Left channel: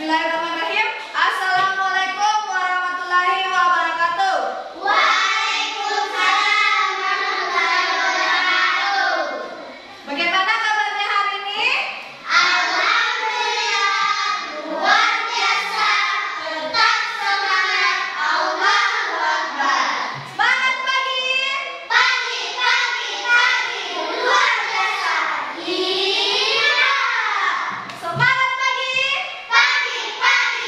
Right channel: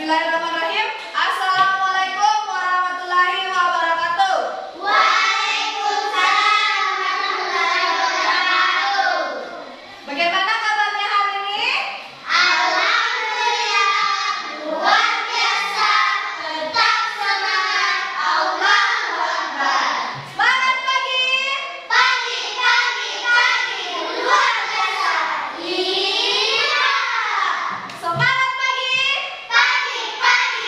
Bismillahirrahmanirrahim. Assalamualaikum warahmatullahi wabarakatuh. Waalaikumsalam warahmatullahi wabarakatuh. Bagaimana kabarnya hari ini? Alhamdulillah, luar biasa. Tetap semangat. Allahu Akbar. Semangat pagi. Pagi, pagi, pagi. Luar biasa. Iya. Semangat pagi. Pagi, pagi,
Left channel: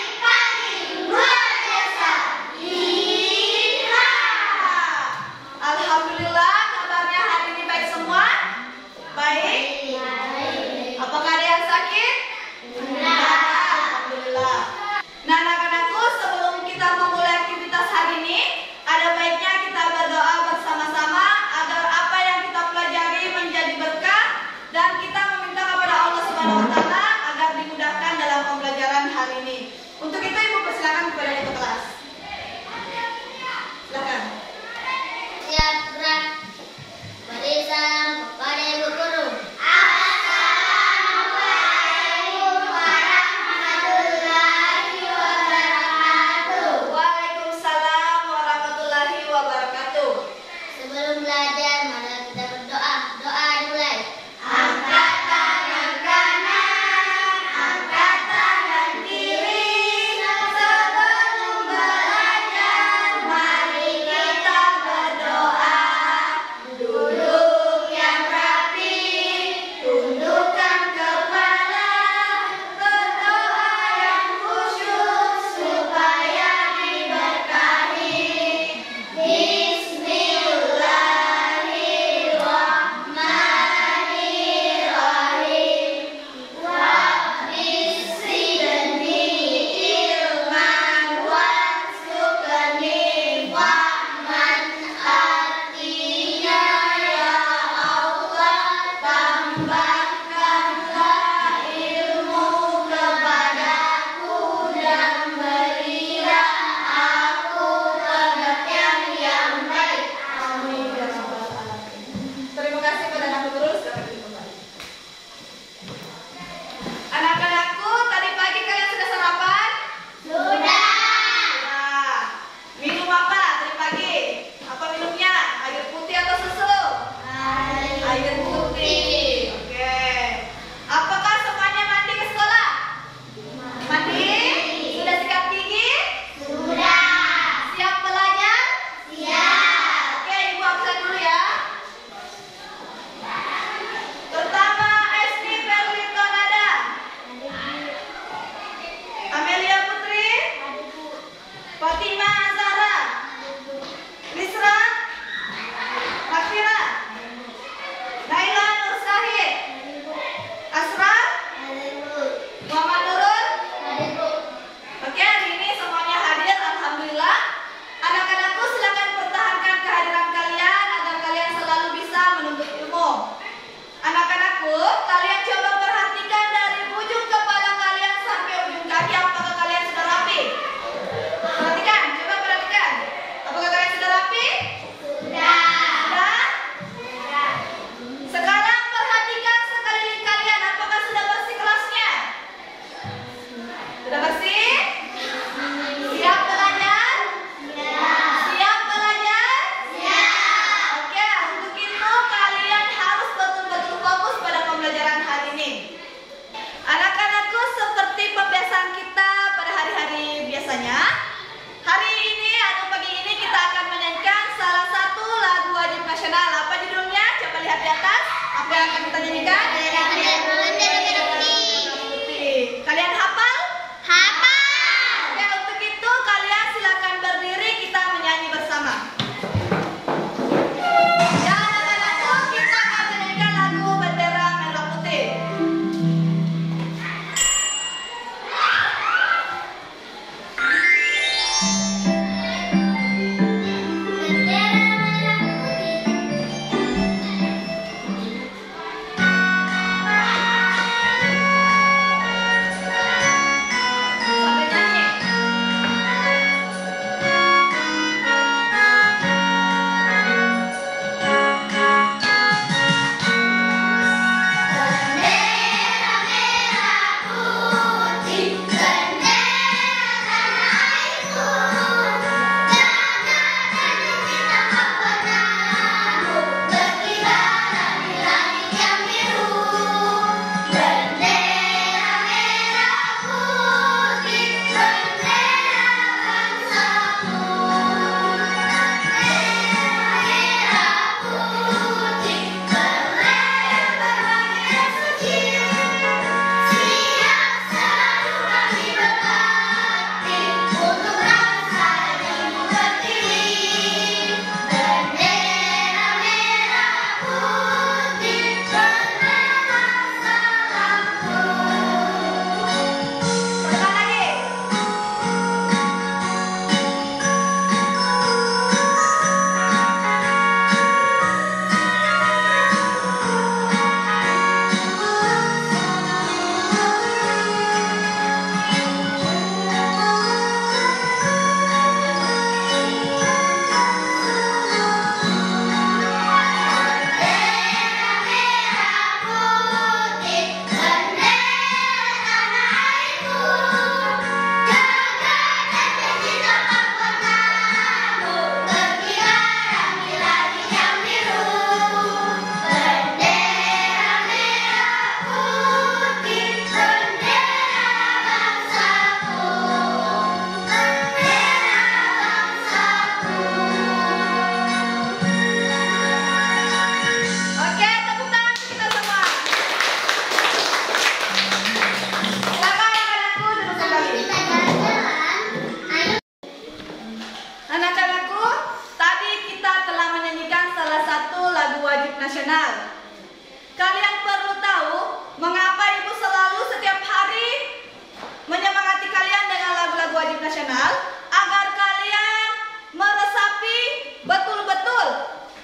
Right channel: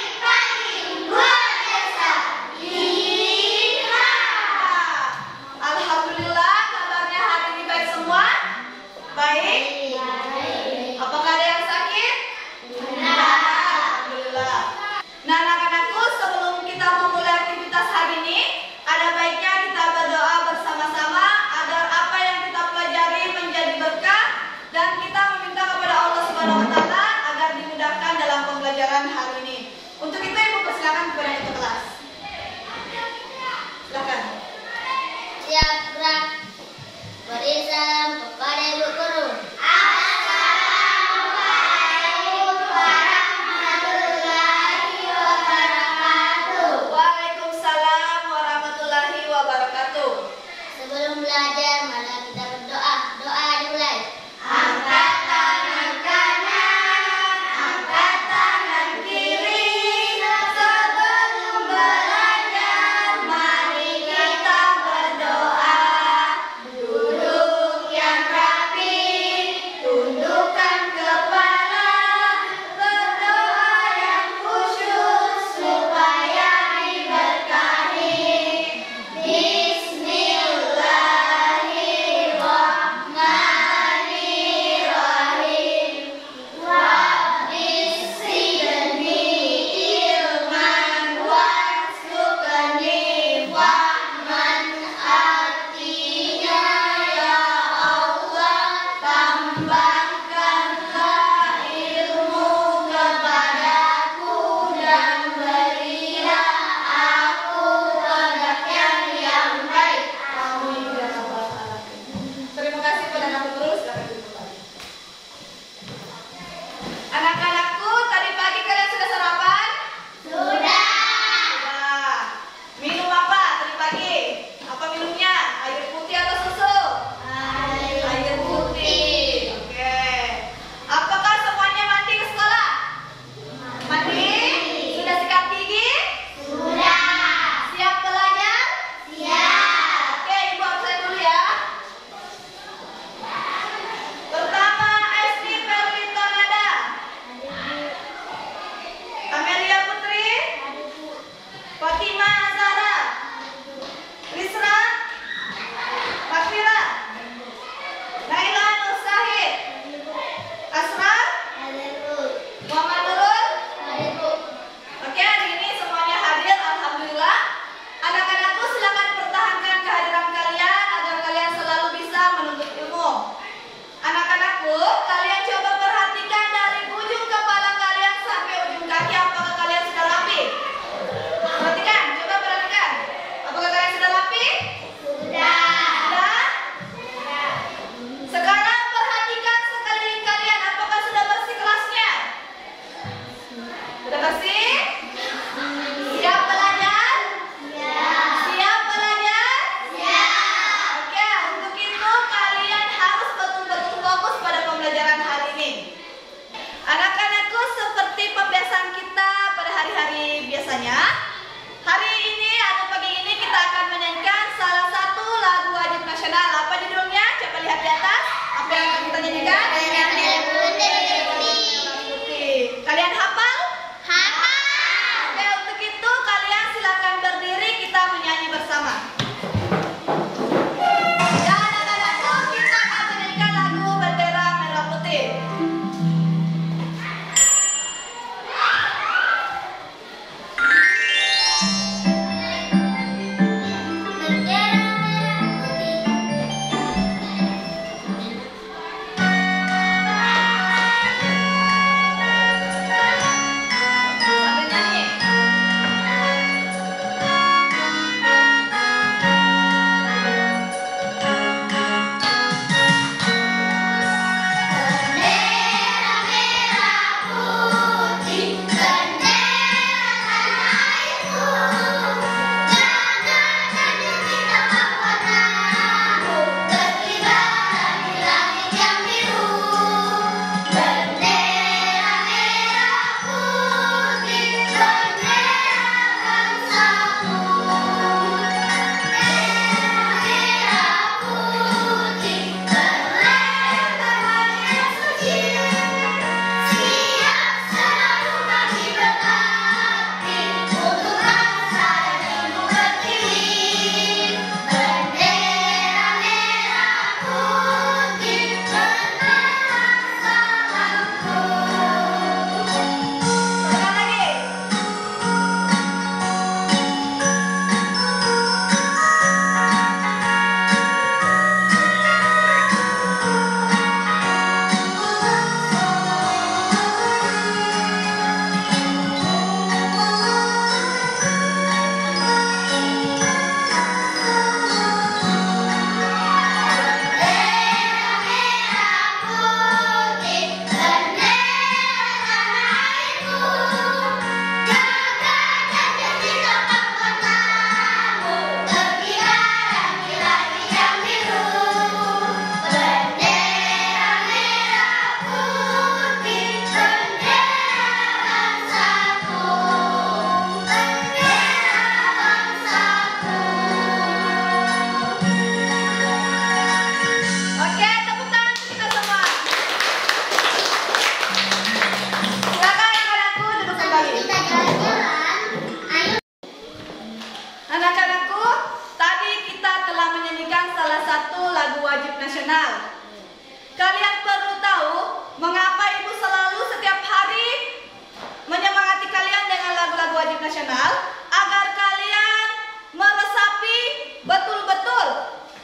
nasional agar kalian meresapi betul-betul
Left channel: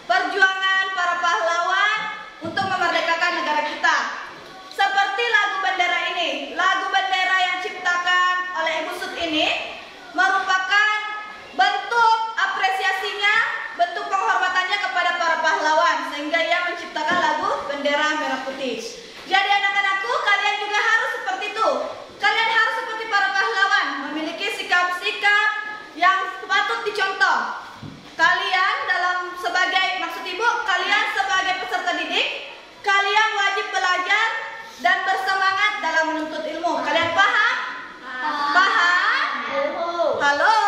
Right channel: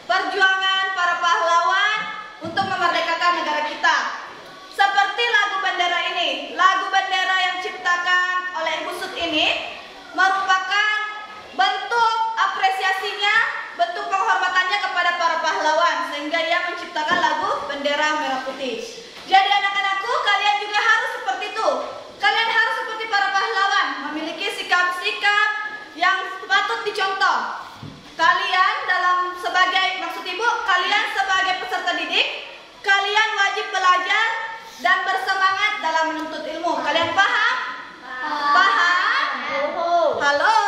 perjuangan para pahlawan untuk memerdekakan negara kita. Seperti lagu bendera ini, lagu bendera yang diciptakan oleh Ibu Sut ini merupakan bentuk apresiasinya, bentuk penghormatannya kepada para pahlawan, sehingga ia menciptakan lagu bendera merah putih. Jadi anak-anakku, kalian juga harus seperti itu. Kalian harus seperti para pahlawan, memiliki sikap-sikap yang patut dicontoh. Kalian maksud ibu, kalian sebagai peserta didik, kalian wajib belajar dan bersemangat dalam menuntut ilmu. Kalian paham? Paham? Halo?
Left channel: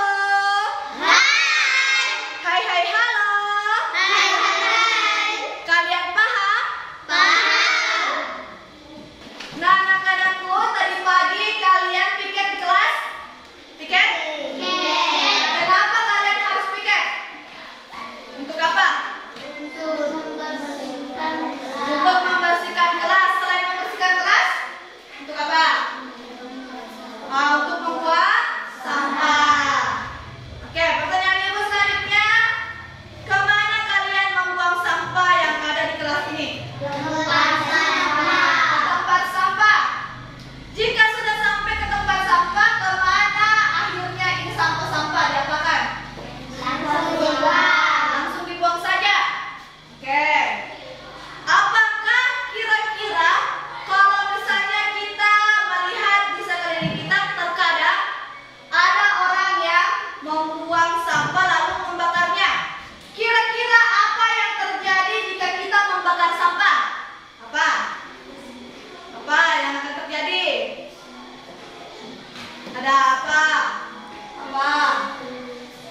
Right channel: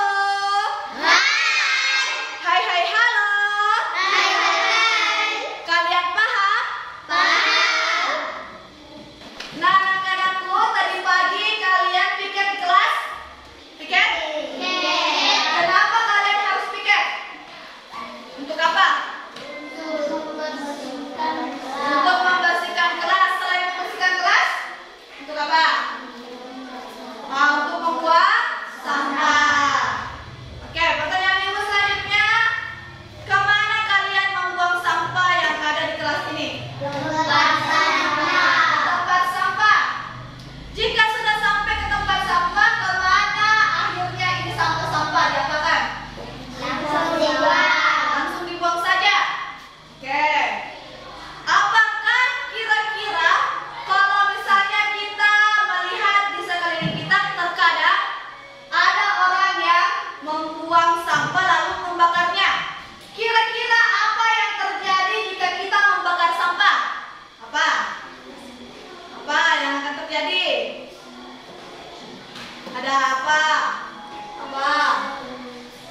Hai hai halo? Kalian paham? Nah anak-anakku, tadi pagi kalian piket di kelas? Piket? Kenapa kalian harus piket? Untuk apa? Untuk membersihkan kelas. Selain membersihkan kelas, untuk apa? Untuk membuat sampah. Oke, pertanyaan ibu selanjutnya, kemana kalian membuang sampah yang ada di kelas ini? Ke tempat sampah. Jika sudah sampai ke tempat sampah, kemana akhirnya ini sampah-sampah diapakan? Langsung dibuang saja. Oke. Apakah kira-kira kalau misalnya kita melihat di sekeliling kita, terkadang ada orang yang membuang sampah lalu membakarnya. Kira-kira apa yang terjadi jika kita membakar sampah? Apa? Apa yang akan terjadi? Ada apa? Apa?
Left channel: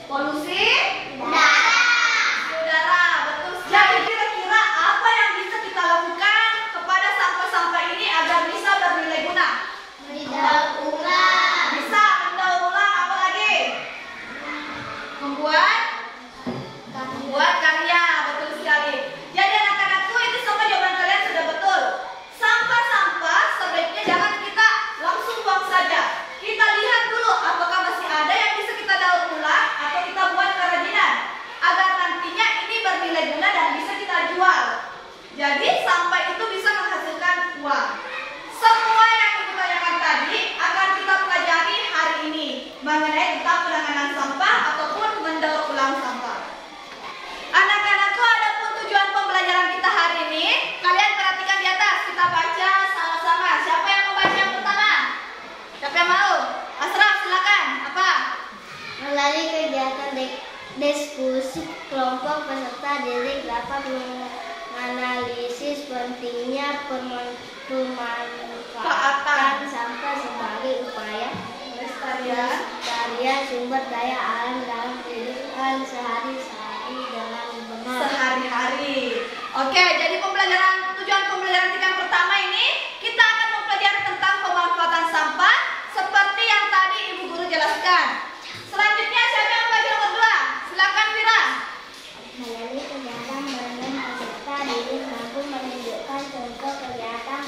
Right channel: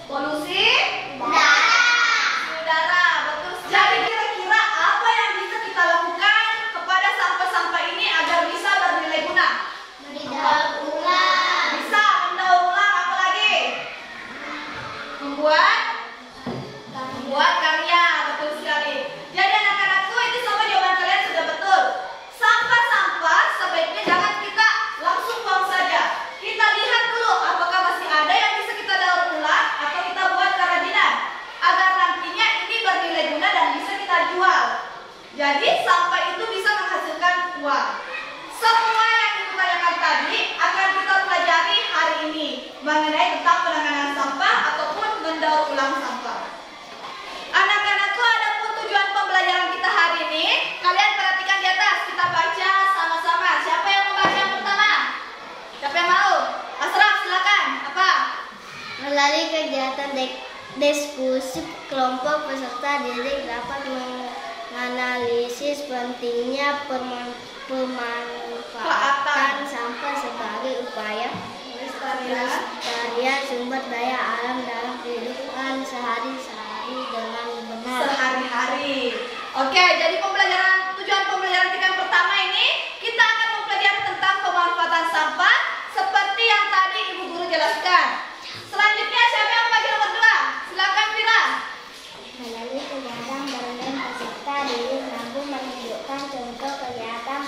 Polusi? Udara, betul. Jadi kira-kira apa yang bisa kita lakukan kepada sampah-sampah ini agar bisa bernilai guna? Bisa mendaur ulang, apa lagi? Membuat karya, betul sekali. Jadi anak-anakku, itu semua jawaban kalian sudah betul. Sampah-sampah sebaiknya jangan kita langsung buang saja. Kita lihat dulu apakah masih ada yang bisa kita daur ulang atau kita buat kerajinan agar nantinya ini bernilai guna dan bisa kita jual. Jadi sampah itu bisa menghasilkan uang. Semua yang ibu tanyakan tadi akan kita pelajari hari ini mengenai tentang penanganan sampah ataupun mendaur ulang sampah. Anak-anakku, adapun tujuan pembelajaran kita hari ini, kalian perhatikan di atas, kita baca sama-sama. Siapa yang mau baca yang pertama? Siapa yang mau? Asraf, silakan. Apa? Melalui kegiatan diskusi kelompok peserta didik dapat menganalisis pentingnya pemanfaatan sampah sebagai upaya pelestarian sumber daya alam dalam kehidupan sehari-hari dengan benar. Sehari-hari. Oke, jadi tujuan pembelajaran kita yang pertama ini, kita akan mempelajari tentang pemanfaatan sampah seperti yang tadi ibu guru jelaskan. Selanjutnya siapa yang baca nomor 2? Silakan Fira. Melalui kegiatan bareng peserta didik mampu menunjukkan contoh kegiatan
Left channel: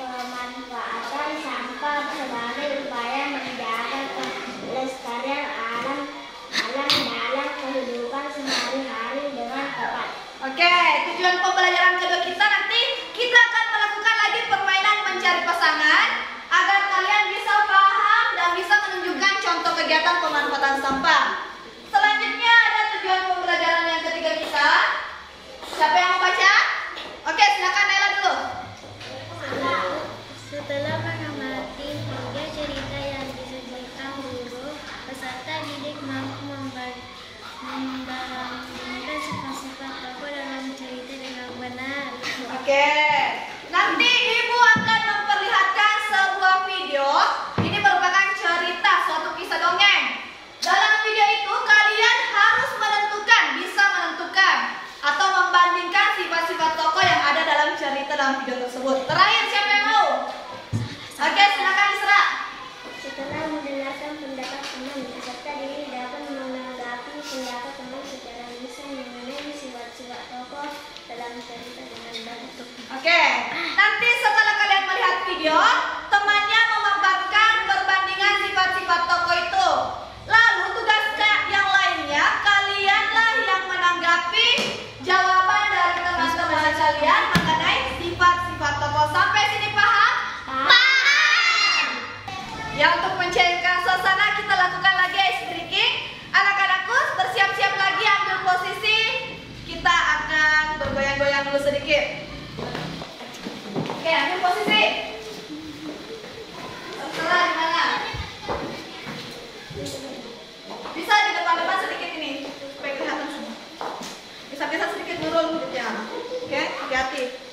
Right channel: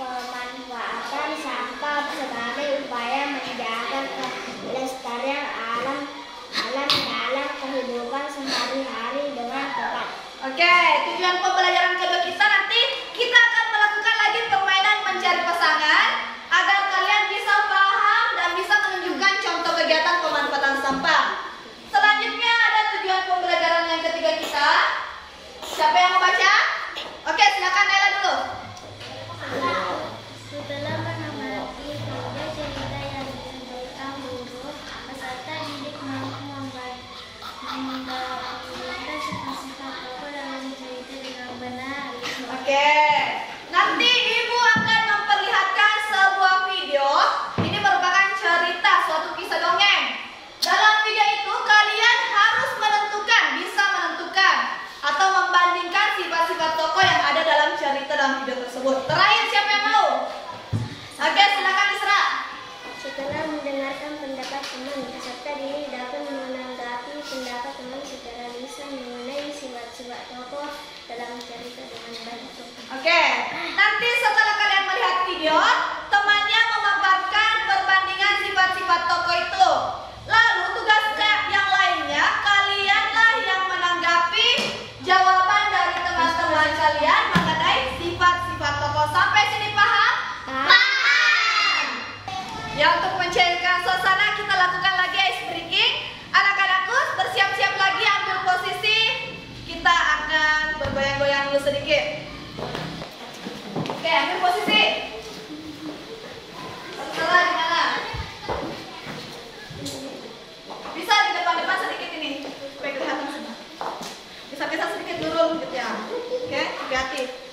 pemanfaatan sampah sebagai upaya menjaga kelestarian alam dalam kehidupan sehari-hari dengan tepat. Oke, tujuan pembelajaran kedua kita nanti kita akan melakukan lagi permainan mencari pasangan agar kalian bisa paham dan bisa menunjukkan contoh kegiatan pemanfaatan sampah. Selanjutnya ada tujuan pembelajaran yang ketiga kita. Siapa yang mau baca? Oke, silakan Nela dulu. Setelah menikmati tiga cerita yang disebutkan guru, peserta didik mampu mendalami sifat-sifat tokoh dalam cerita dengan benar. Oke, nanti ibu akan memperlihatkan sebuah video. Ini merupakan cerita suatu kisah dongeng. Dalam video itu kalian harus bisa menentukan atau membandingkan sifat-sifat tokoh yang ada dalam cerita dalam video tersebut. Terakhir siapa yang mau? Oke, silakan Isra. Setelah mendengarkan pendapat teman, peserta didik dapat menanggapi pendapat teman secara lisan mengenai sifat-sifat tokoh dalam cerita dengan baik. Oke, nanti setelah kalian melihat video, temannya memaparkan perbandingan sifat-sifat tokoh dulu sedikit. Oke, ambil posisi. Terserah di mana. Bisa di depan-depan sedikit ini supaya kelihatan semua. Bisa sedikit nurun gitu ya. Oke, hati-hati.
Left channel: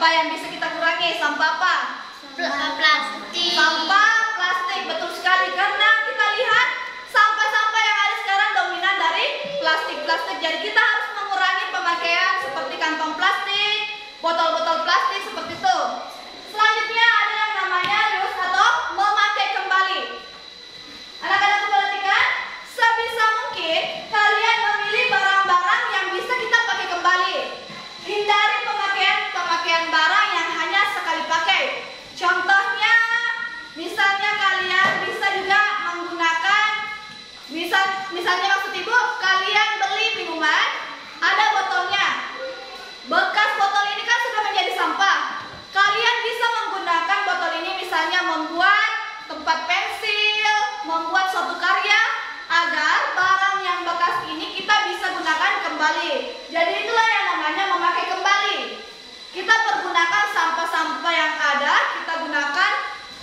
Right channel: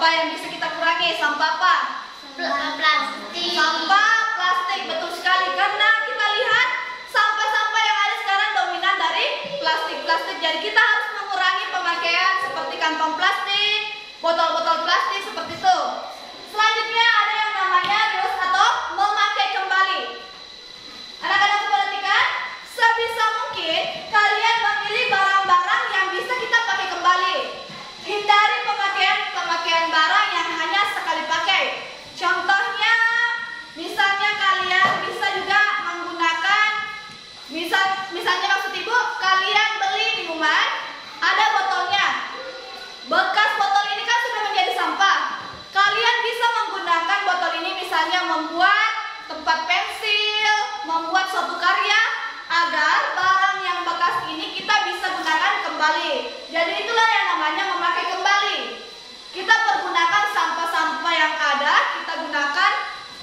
Apa yang bisa kita kurangi? Sampah apa? Plastik. Sampah plastik, betul sekali. Karena kita lihat sampah-sampah yang ada sekarang dominan dari plastik. Jadi kita harus mengurangi pemakaian seperti kantong plastik, botol-botol plastik seperti itu. Selanjutnya ada yang namanya reuse atau memakai kembali. Anak-anak perhatikan, sebisa mungkin kalian memilih barang-barang yang bisa kita pakai kembali. Hindari pemakaian barang yang hanya sekali pakai. Contohnya, misalnya kalian bisa juga menggunakan, misalnya maksud ibu, kalian beli minuman, ada botolnya. Bekas botol ini kan sudah menjadi sampah. Kalian bisa menggunakan botol ini misalnya membuat tempat pensil, membuat suatu karya, agar barang yang bekas ini kita bisa gunakan kembali. Jadi itulah yang namanya memakai kembali. Kita pergunakan sampah-sampah yang ada, kita gunakan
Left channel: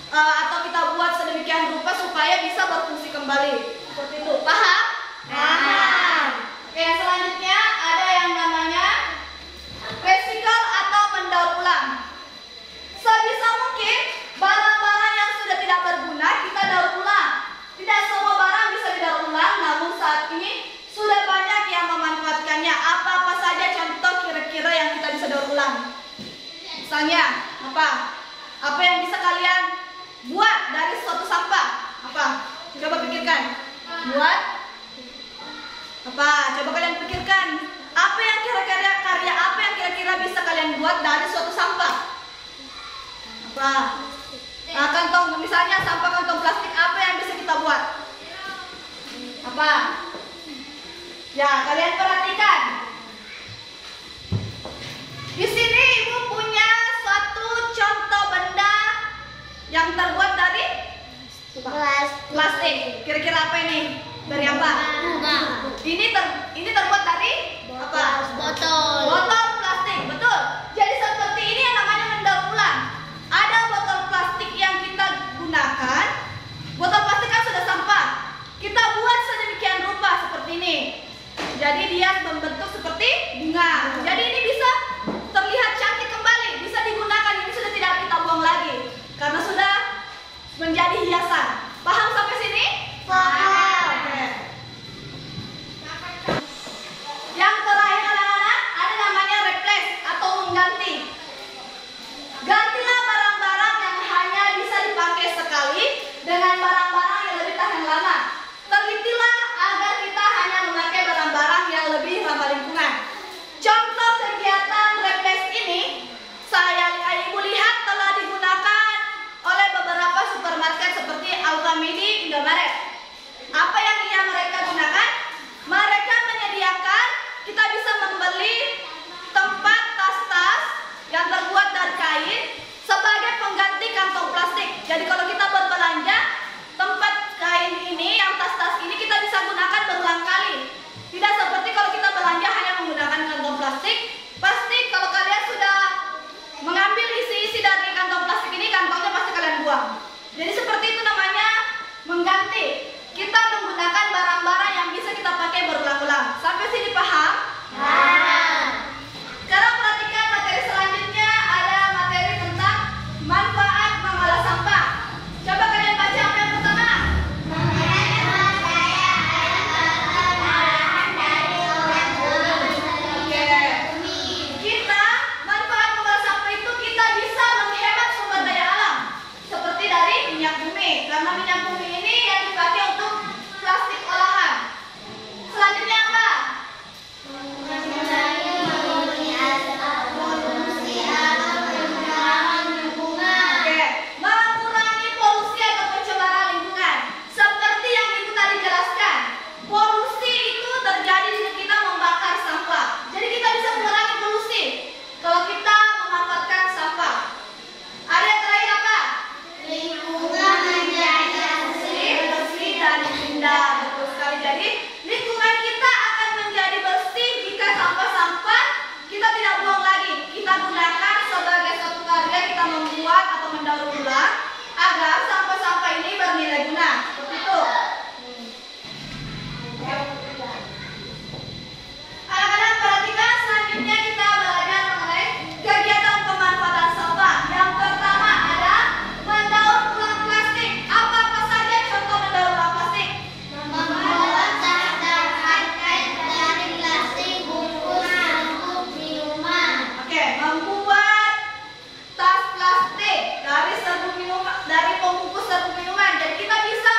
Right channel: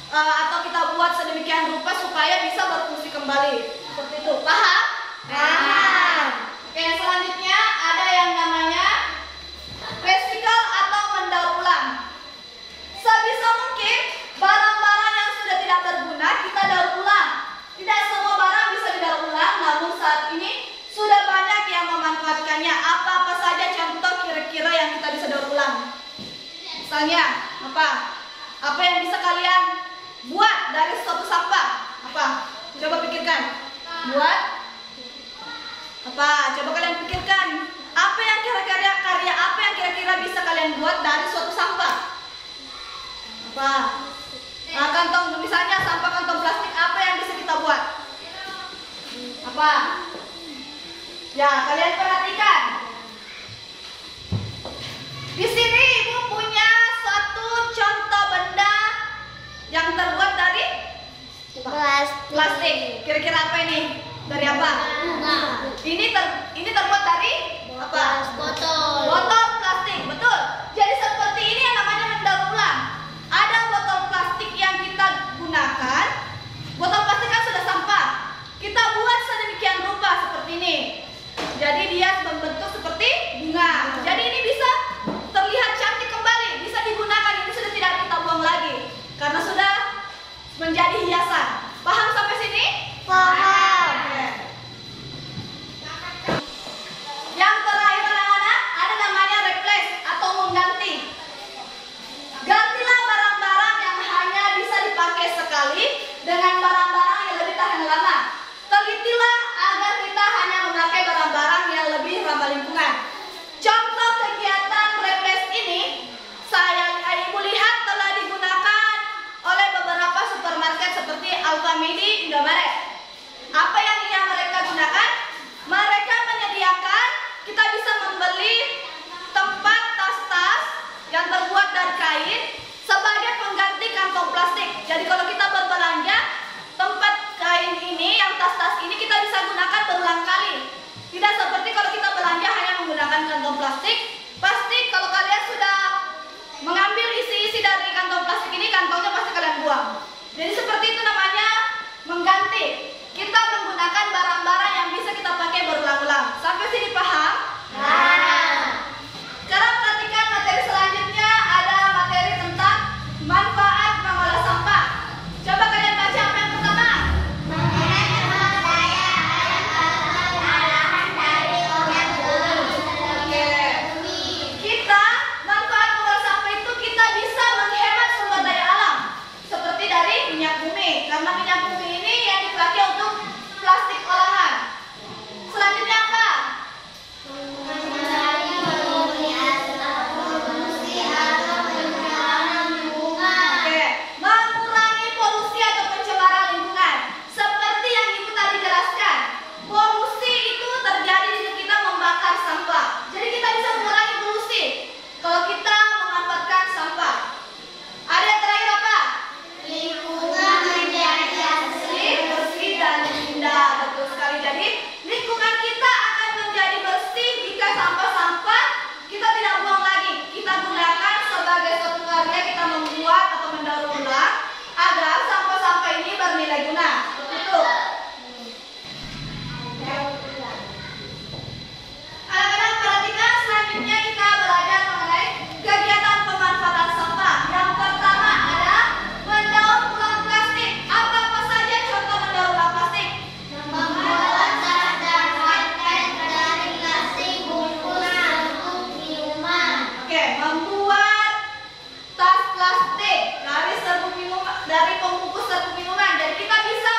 atau kita buat sedemikian rupa supaya bisa berfungsi kembali. Seperti itu. Paham? Paham. Oke, selanjutnya ada yang namanya recycle atau mendaur ulang. Sebisa mungkin barang-barang yang sudah tidak berguna kita daur ulang. Tidak semua barang bisa didaur ulang, namun saat ini sudah banyak yang memanfaatkannya. Apa-apa saja contoh kira-kira yang kita bisa daur ulang? Misalnya, apa? Apa yang bisa kalian buat dari suatu sampah? Apa? Coba pikirkan. Buat apa? Coba kalian pikirkan. Apa yang karya apa yang kira-kira bisa kalian buat dari suatu sampah? Apa? Nah, kantong, misalnya sampah kantong plastik, apa yang bisa kita buat? Apa? Ya, kalian perhatikan. Di sini ibu punya suatu contoh benda yang terbuat dari plastik. Kira-kira apa ini? Dari apa? Ini terbuat dari apa? Botol plastik, betul. Jadi seperti ini yang namanya mendaur ulang. Ada botol plastik yang kita gunakan. Botol plastik kan sudah sampah. Kita buat sedemikian rupa seperti ini. Jadi dia membentuk seperti bunga. Jadi ini bisa terlihat cantik kembali, bisa digunakan. Ini sudah tidak kita buang lagi karena sudah menjadi hiasan. Paham sampai sini? Paham. Oke. Yang terakhir anak-anak, ada namanya replace atau mengganti. Gantilah barang-barang yang hanya bisa dipakai sekali dengan barang-barang yang lebih tahan lama. Telitilah agar kita hanya memakai barang-barang yang lebih ramah lingkungan. Contoh kegiatan replace ini, ibu lihat telah digunakan oleh beberapa supermarket seperti Alfamidi, Indomaret. Apa yang mereka gunakan? Mereka menyediakan, kita bisa membeli tempat tas-tas yang terbuat dari kain sebagai pengganti kantong plastik. Jadi kalau kita berbelanja, tempat kain ini, yang tas-tas ini kita bisa gunakan berulang kali. Tidak seperti kalau kita belanja hanya menggunakan kantong plastik. Pasti kalau kalian sudah mengambil isi-isi dari kantong plastik ini, kantongnya pasti kalian buang. Jadi seperti itu namanya mengganti. Kita menggunakan barang-barang yang bisa kita pakai berulang-ulang. Sampai sini paham? Sekarang perhatikan materi selanjutnya, ada materi tentang manfaat mengolah sampah. Coba kalian baca apa yang pertama? Kita manfaat mengolah sampah itu kita bisa menghemat sumber daya alam, seperti dari minyak bumi, karena minyak bumi ini yang dipakai untuk plastik olahan. Selanjutnya apa? Mengurangi polusi atau pencemaran lingkungan. Seperti yang ibu tadi jelaskan, polusi itu terjadi jika kita membakar sampah. Jadi kita bisa mengurangi polusi kalau kita memanfaatkan sampah. Ada yang terakhir apa? Lingkungan menjadi bersih dan indah. Betul sekali. Jadi lingkungan kita akan menjadi bersih jika sampah-sampah kita tidak buang lagi. Kita gunakan sebagai suatu karya, kita membuat atau mendaur ulang agar sampah-sampah ini bernilai guna. Seperti itu. Anak-anak perhatikan, selanjutnya kita belajar mengenai kegiatan pemanfaatan sampah. Yang pertama ada mendaur ulang plastik. Apa-apa saja contoh mendaur ulang plastik? Membuat tas dari plastik bungkus serbuk minuman. Oke, membuat tas plastik dari serbuk minuman, dari pembungkus serbuk minuman. Jadi kita bisa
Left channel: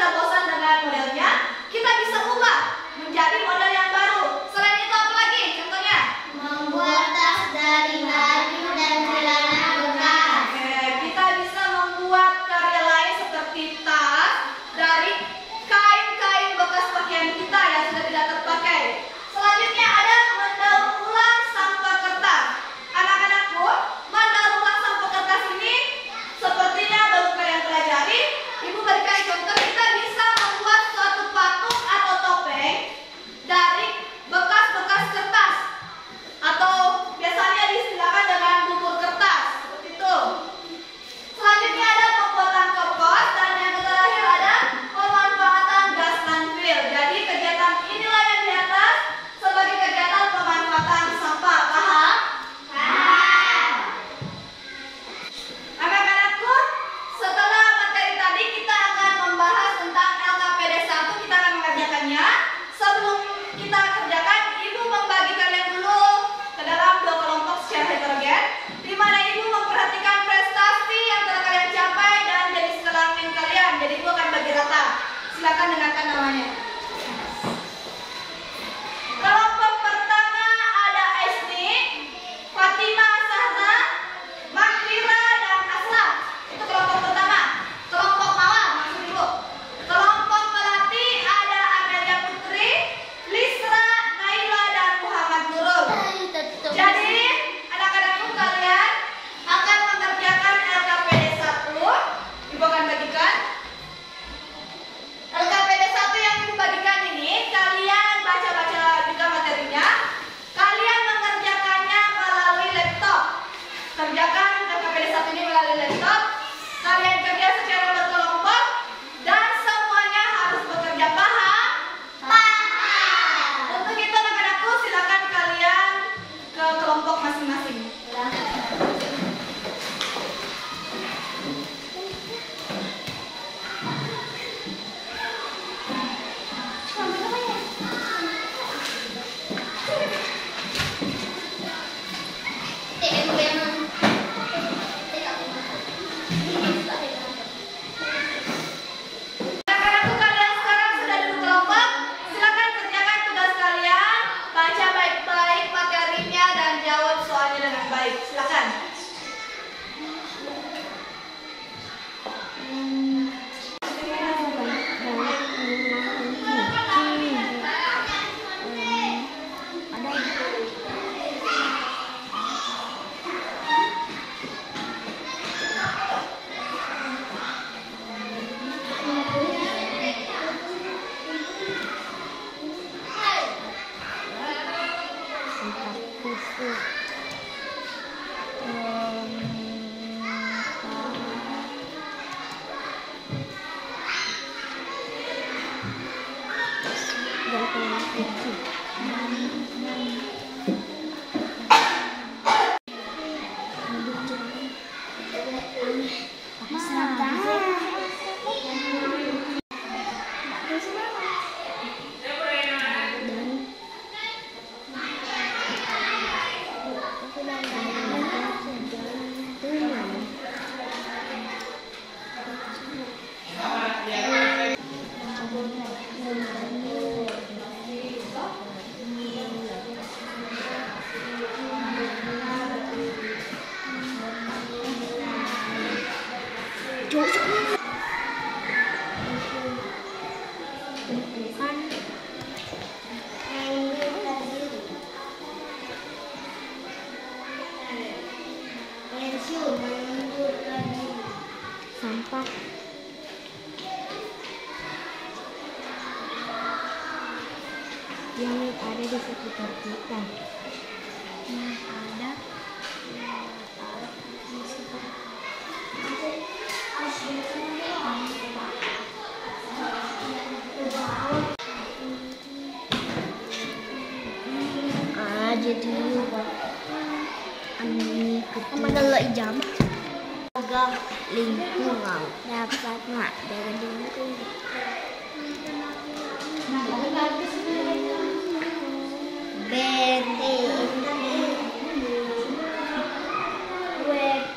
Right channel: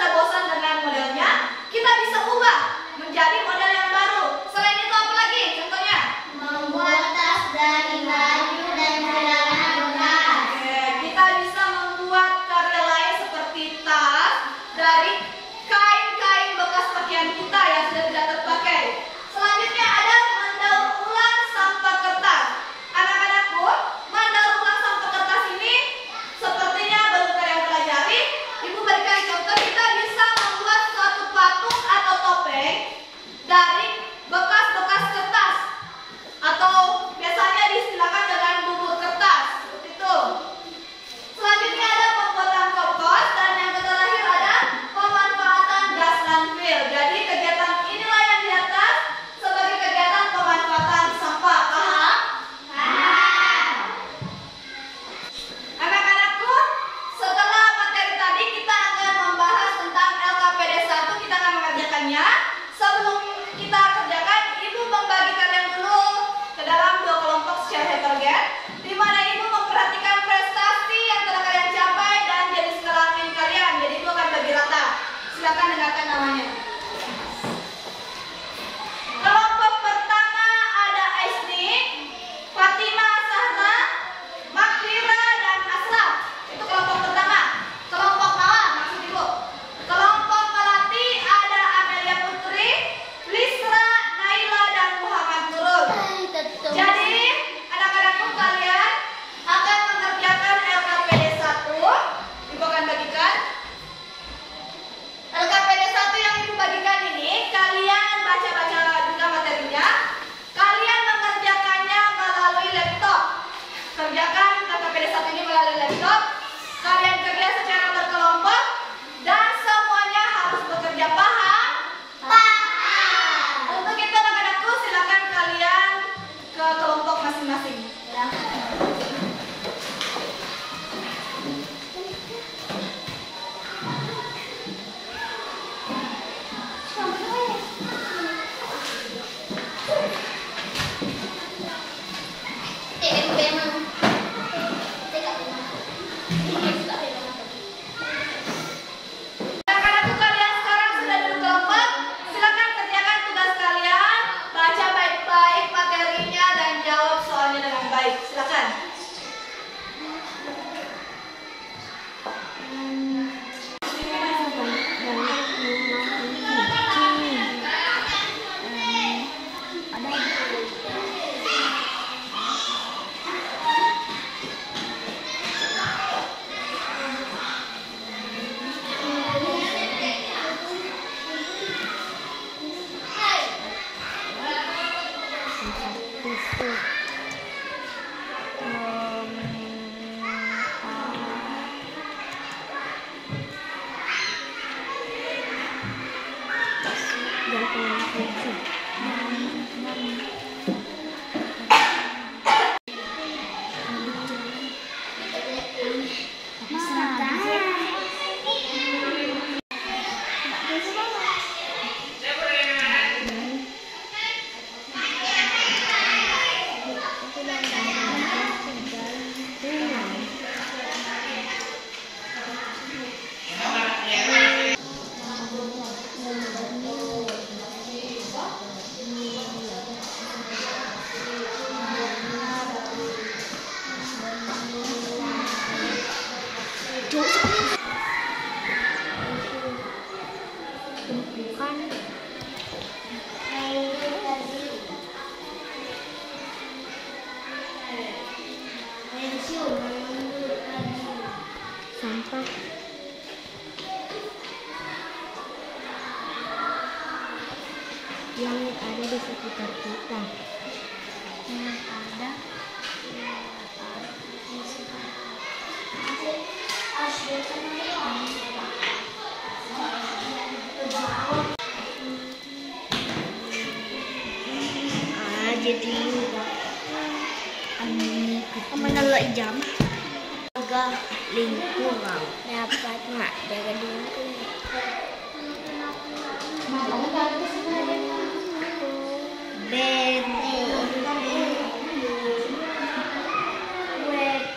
sudah bosan dengan modelnya, kita bisa ubah menjadi model yang baru. Selain itu apa lagi? Contohnya? Membuat tas dari baju dan celana bekas. Oke, kita bisa membuat karya lain seperti tas dari kain-kain bekas pakaian kita yang sudah tidak terpakai. Selanjutnya ada mendaur ulang sampah kertas. Anak-anakku, mendaur ulang sampah kertas ini sepertinya baru kalian pelajari. Ibu berikan contoh, kita bisa membuat suatu patung atau topeng dari bekas-bekas kertas, atau biasanya disediakan dengan bubur kertas, seperti itu. Selanjutnya ada pembuatan kompos, dan yang terakhir ada pemanfaatan gas landfill. Jadi kegiatan inilah yang di atas sebagai kegiatan pemanfaatan sampah. Paham? Paham. Anak-anakku, setelah materi tadi kita akan membahas tentang LKPD 1, kita akan mengerjakannya. Sebelum kita kerjakan, Ibu membagi kalian dulu ke dalam 2 kelompok secara heterogen, di mana Ibu memperhatikan prestasi yang telah kalian capai dan jenis kelamin kalian. Jadi Ibu akan bagi rata. Silakan dengarkan namanya. Kelompok pertama ada Aisni, Fatima, Sahra, Makhira, dan Aslam. Itu kelompok pertama. Kelompok Mawar, maksud Ibu. Kelompok Melati ada Amelia Putri, Lisra, Naila, dan Muhammad Nurul. Jadi, anak-anakku, kalian akan mengerjakan LKPD 1. Ibu akan bagikan. LKPD 1 yang Ibu bagikan ini, kalian baca-baca juga materinya. Kalian mengerjakannya melalui laptop. Kerjakan LKPD 1 ini melalui laptop. Kalian kerja secara berkelompok dan semuanya harus bekerja. Paham? Paham. Untuk itu anak-anakku, silakan kalian ke kelompok masing-masing. Anak-anakku, kalian sekarang sudah duduk kelompok. Silakan kerjakan tugas kalian. Baca baik-baik materinya dan jawab soalnya dengan baik. Silakan. Sampah yang ada di sekitar kita. Yang ada di sekitar jadi menolak jam juga lingkungan dapat nggak dari lingkungan web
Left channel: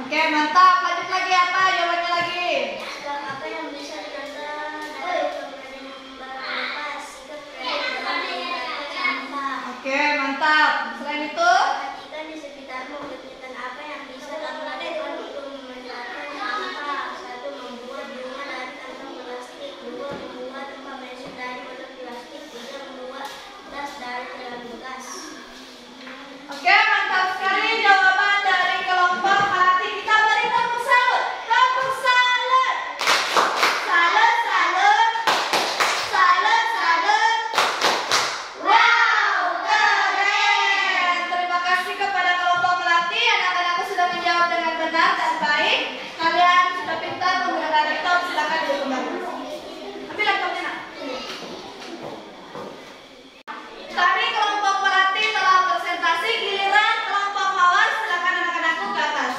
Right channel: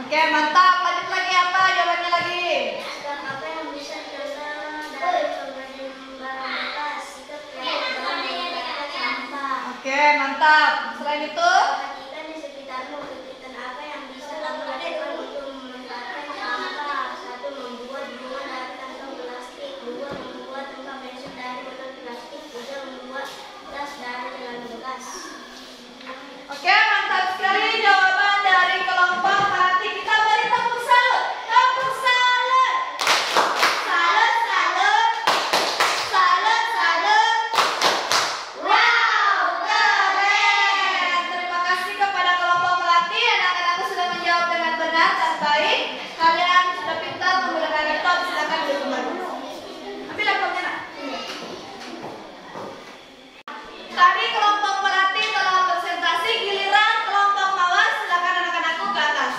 Oke, mantap. Lanjut lagi apa jawabannya lagi? Sikap apa yang bisa dicontoh dari pemberian barang bekas? Sikap kreatif dalam mengumpulkan sampah. Oke, mantap. Selain itu, Perhatikan di sekitarmu kegiatan apa yang bisa kamu lakukan untuk memanfaatkan sampah. 1. Membuat bunga dari kantong plastik. 2. Membuat tempat mesin dari botol plastik. 3. Membuat tas dari celana bekas. oke, mantap sekali jawaban dari kelompok Melati. Kita beri tepuk salut. Tepuk salut. Salut, salut. Salut, salut. Wow, keren. Terima kasih kepada kelompok Melati. Anak-anakku sudah menjawab dengan benar dan baik. Kalian sudah pintar menggunakan laptop. Silakan duduk kembali. Ambil laptopnya, Nak. Tadi kelompok Melati telah presentasi, giliran kelompok Mawar. Silakan anak-anakku ke atas.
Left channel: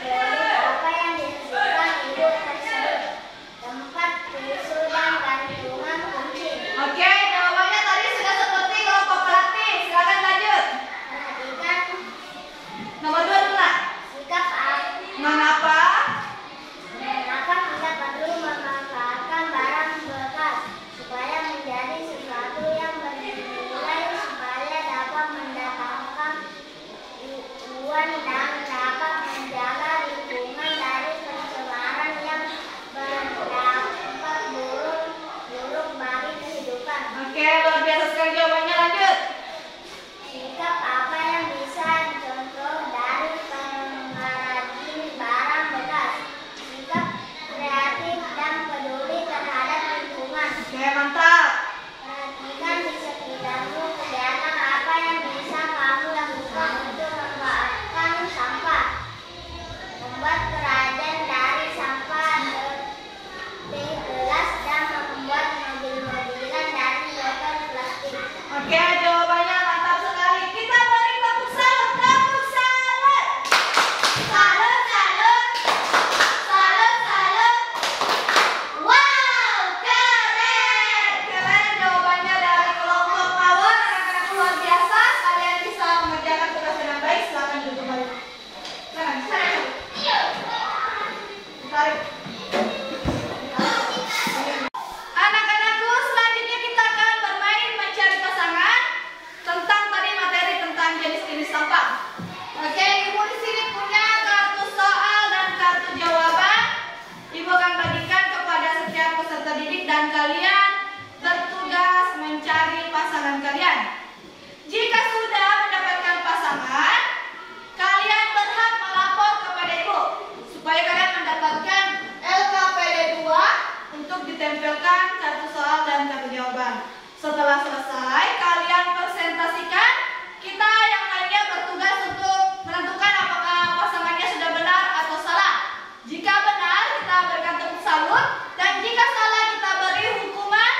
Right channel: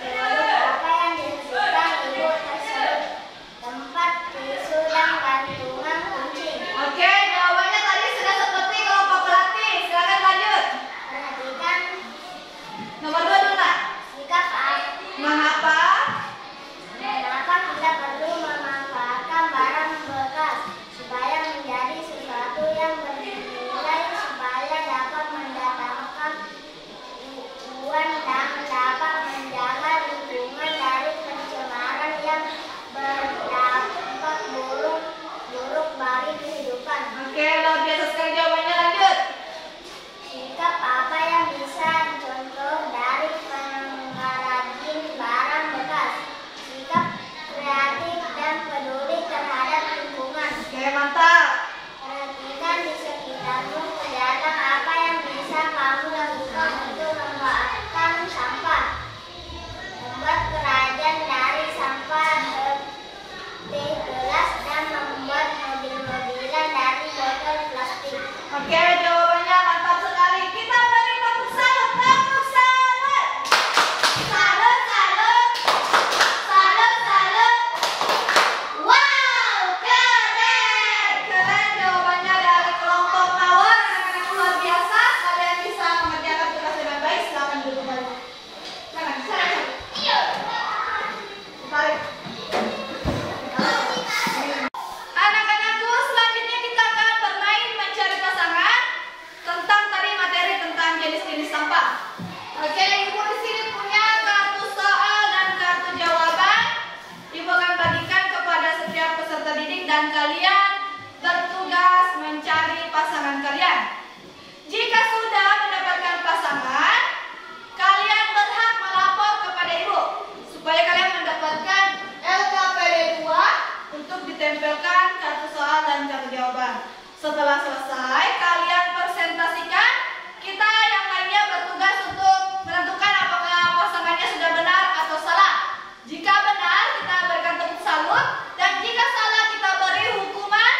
Apa yang dihasilkan ibu tersebut? Tempat, tisu, dan gantungan kunci. Oke, jawabannya tadi sudah seperti kelompok Melati. Silakan lanjut. Perhatikan Nomor 2 dulu, Nak. sikap Mengapa? mengapa kita perlu memanfaatkan barang bekas supaya menjadi sesuatu yang bernilai, supaya dapat mendatangkan uang dan dapat menjaga lingkungan dari pencemaran yang berdampak buruk bagi kehidupan. Oke, luar biasa sekali jawabannya. Lanjut. Sikap apa yang bisa dicontoh dari pengrajin barang bekas? Sikap kreatif dan peduli terhadap lingkungan. Oke, mantap. Perhatikan di sekitarmu kegiatan apa yang bisa kamu lakukan untuk memanfaatkan sampah. Membuat kerajinan dari sampah seperti gelas dan membuat mobil-mobilan dari botol plastik. Oke, jawabannya mantap sekali. Kita beri tepuk salut. Tepuk salut. Salut, salut. Salut, salut. Wow, keren. Keren jawabannya dari kelompok Mawar. Anak-anak luar biasa. Kalian bisa mengerjakan tugas dengan baik. Silakan duduk kembali. Keren, keren. Tarik. Anak-anakku, selanjutnya kita akan bermain mencari pasangan tentang tadi materi tentang jenis-jenis sampah. Oke, Ibu di sini punya kartu soal dan kartu jawaban. Ibu akan bagikan kepada setiap peserta didik dan kalian bertugas mencari pasangan kalian. Jika sudah mendapatkan pasangan, kalian berhak melapor kepada Ibu supaya kalian mendapatkan LKPD 2 untuk ditempelkan kartu soal dan kartu jawaban. Setelah selesai, kalian presentasikan. Kita yang lainnya bertugas untuk menentukan apakah pasangannya sudah benar atau salah. Jika benar, kita berikan tepuk salut. Dan jika salah, kita beri hukuman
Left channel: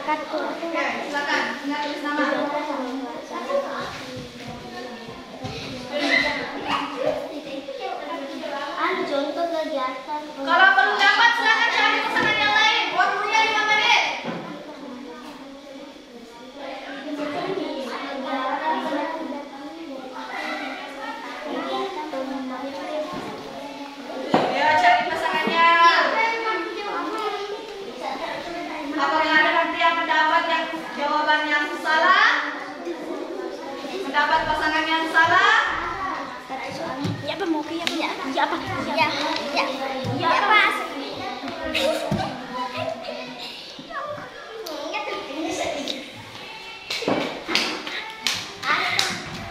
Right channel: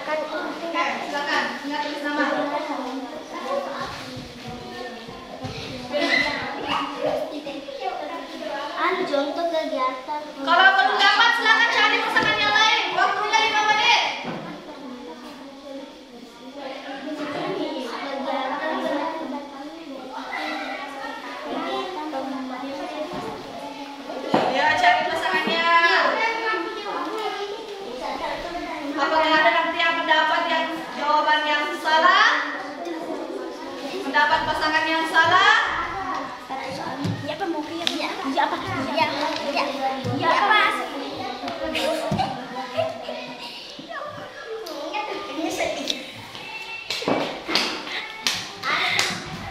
Oke, silakan. Ingat tulis nama. Contoh kegiatan. Kalau belum dapat, silakan cari pasangan yang lain. Waktunya 5 menit. Ya, cari pasangannya. Apakah ada nanti yang mendapat jawaban yang salah? Mendapat pasangan yang salah?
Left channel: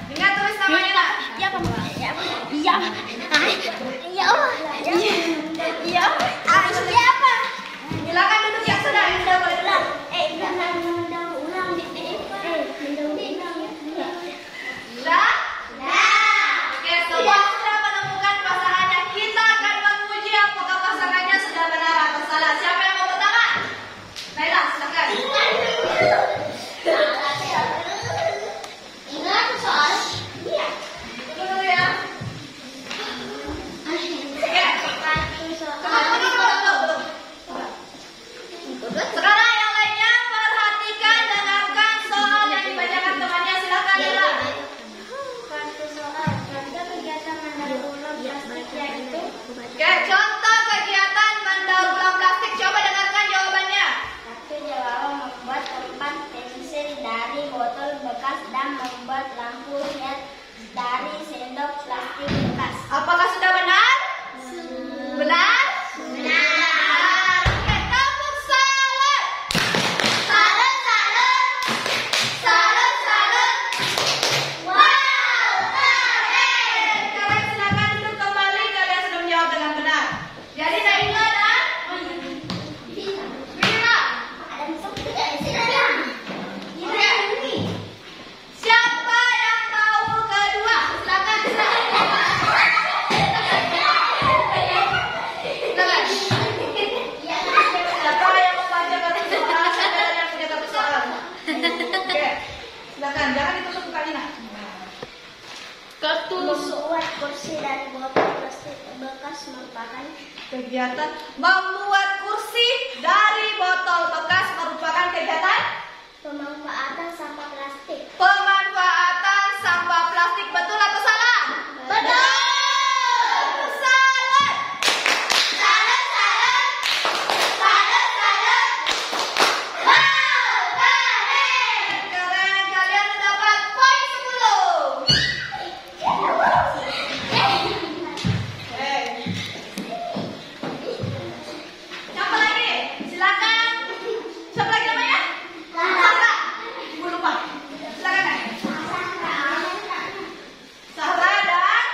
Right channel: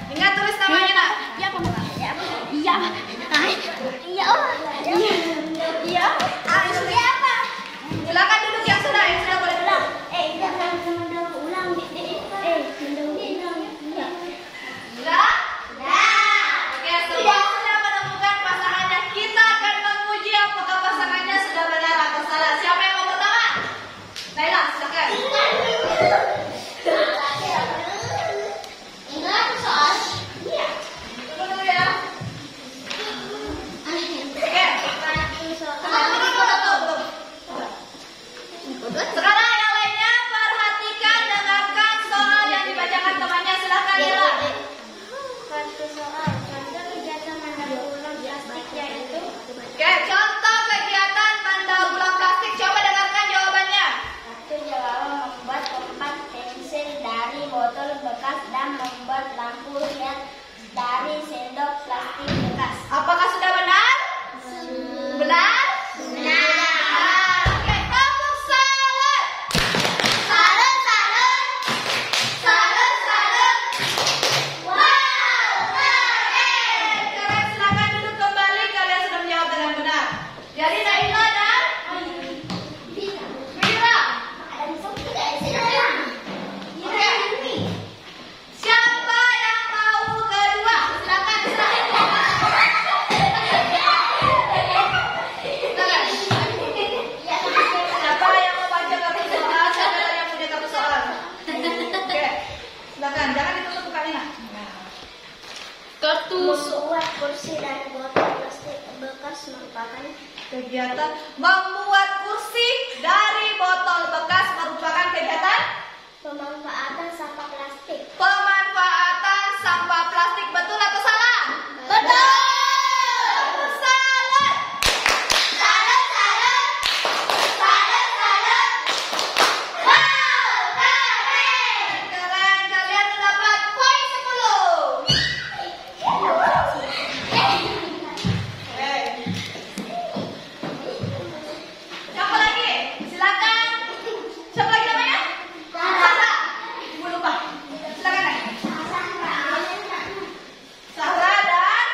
Ingat tulis namanya, Nak. Silakan duduk yang sudah boleh duduk. Sudah? Oke, semua sudah menemukan pasangannya. Kita akan menguji apakah pasangannya sudah benar atau salah. Siapa yang mau pertama? Naila, silakan. Tunggu ya. Oke. Sekarang yang lainnya perhatikan, dengarkan soal yang dibacakan temannya. Silakan, Naila. Satu soal, contoh kegiatan mendaur ulang plastik yaitu. Oke, contoh kegiatan mendaur ulang plastik. Coba dengarkan jawabannya. Satu jawaban membuat tempat pensil dari botol bekas dan membuat lampu LED dari sendok plastik bekas. Apakah sudah benar? Benar? Benar. Oke, tepuk salut. Salut, salut. Salut, salut. Wow, keren. Sekarang silakan duduk kembali. Kalian sudah menjawab dengan benar. Jadi Naila dan Mira. Oke. Siapa yang mau kedua? Silakan, silakan. Siapa yang mau baca kartu soal? Siapa yang punya kartu soal? Oke, silakan. Jangan ditutup mukanya. Membuat kursi dari botol plastik bekas merupakan Kegiatan membuat kursi dari botol bekas merupakan kegiatan pemanfaatan sampah plastik. pemanfaatan sampah plastik. Betul atau salah? Betul. Salut. Salut, salut. Salut, salut. Wow, keren. Keren. Kalian mendapat poin 10. Siapa lagi? Silakan. Siapa lagi namanya? Sarah. Ibu lupa. Silakan. Sarah dan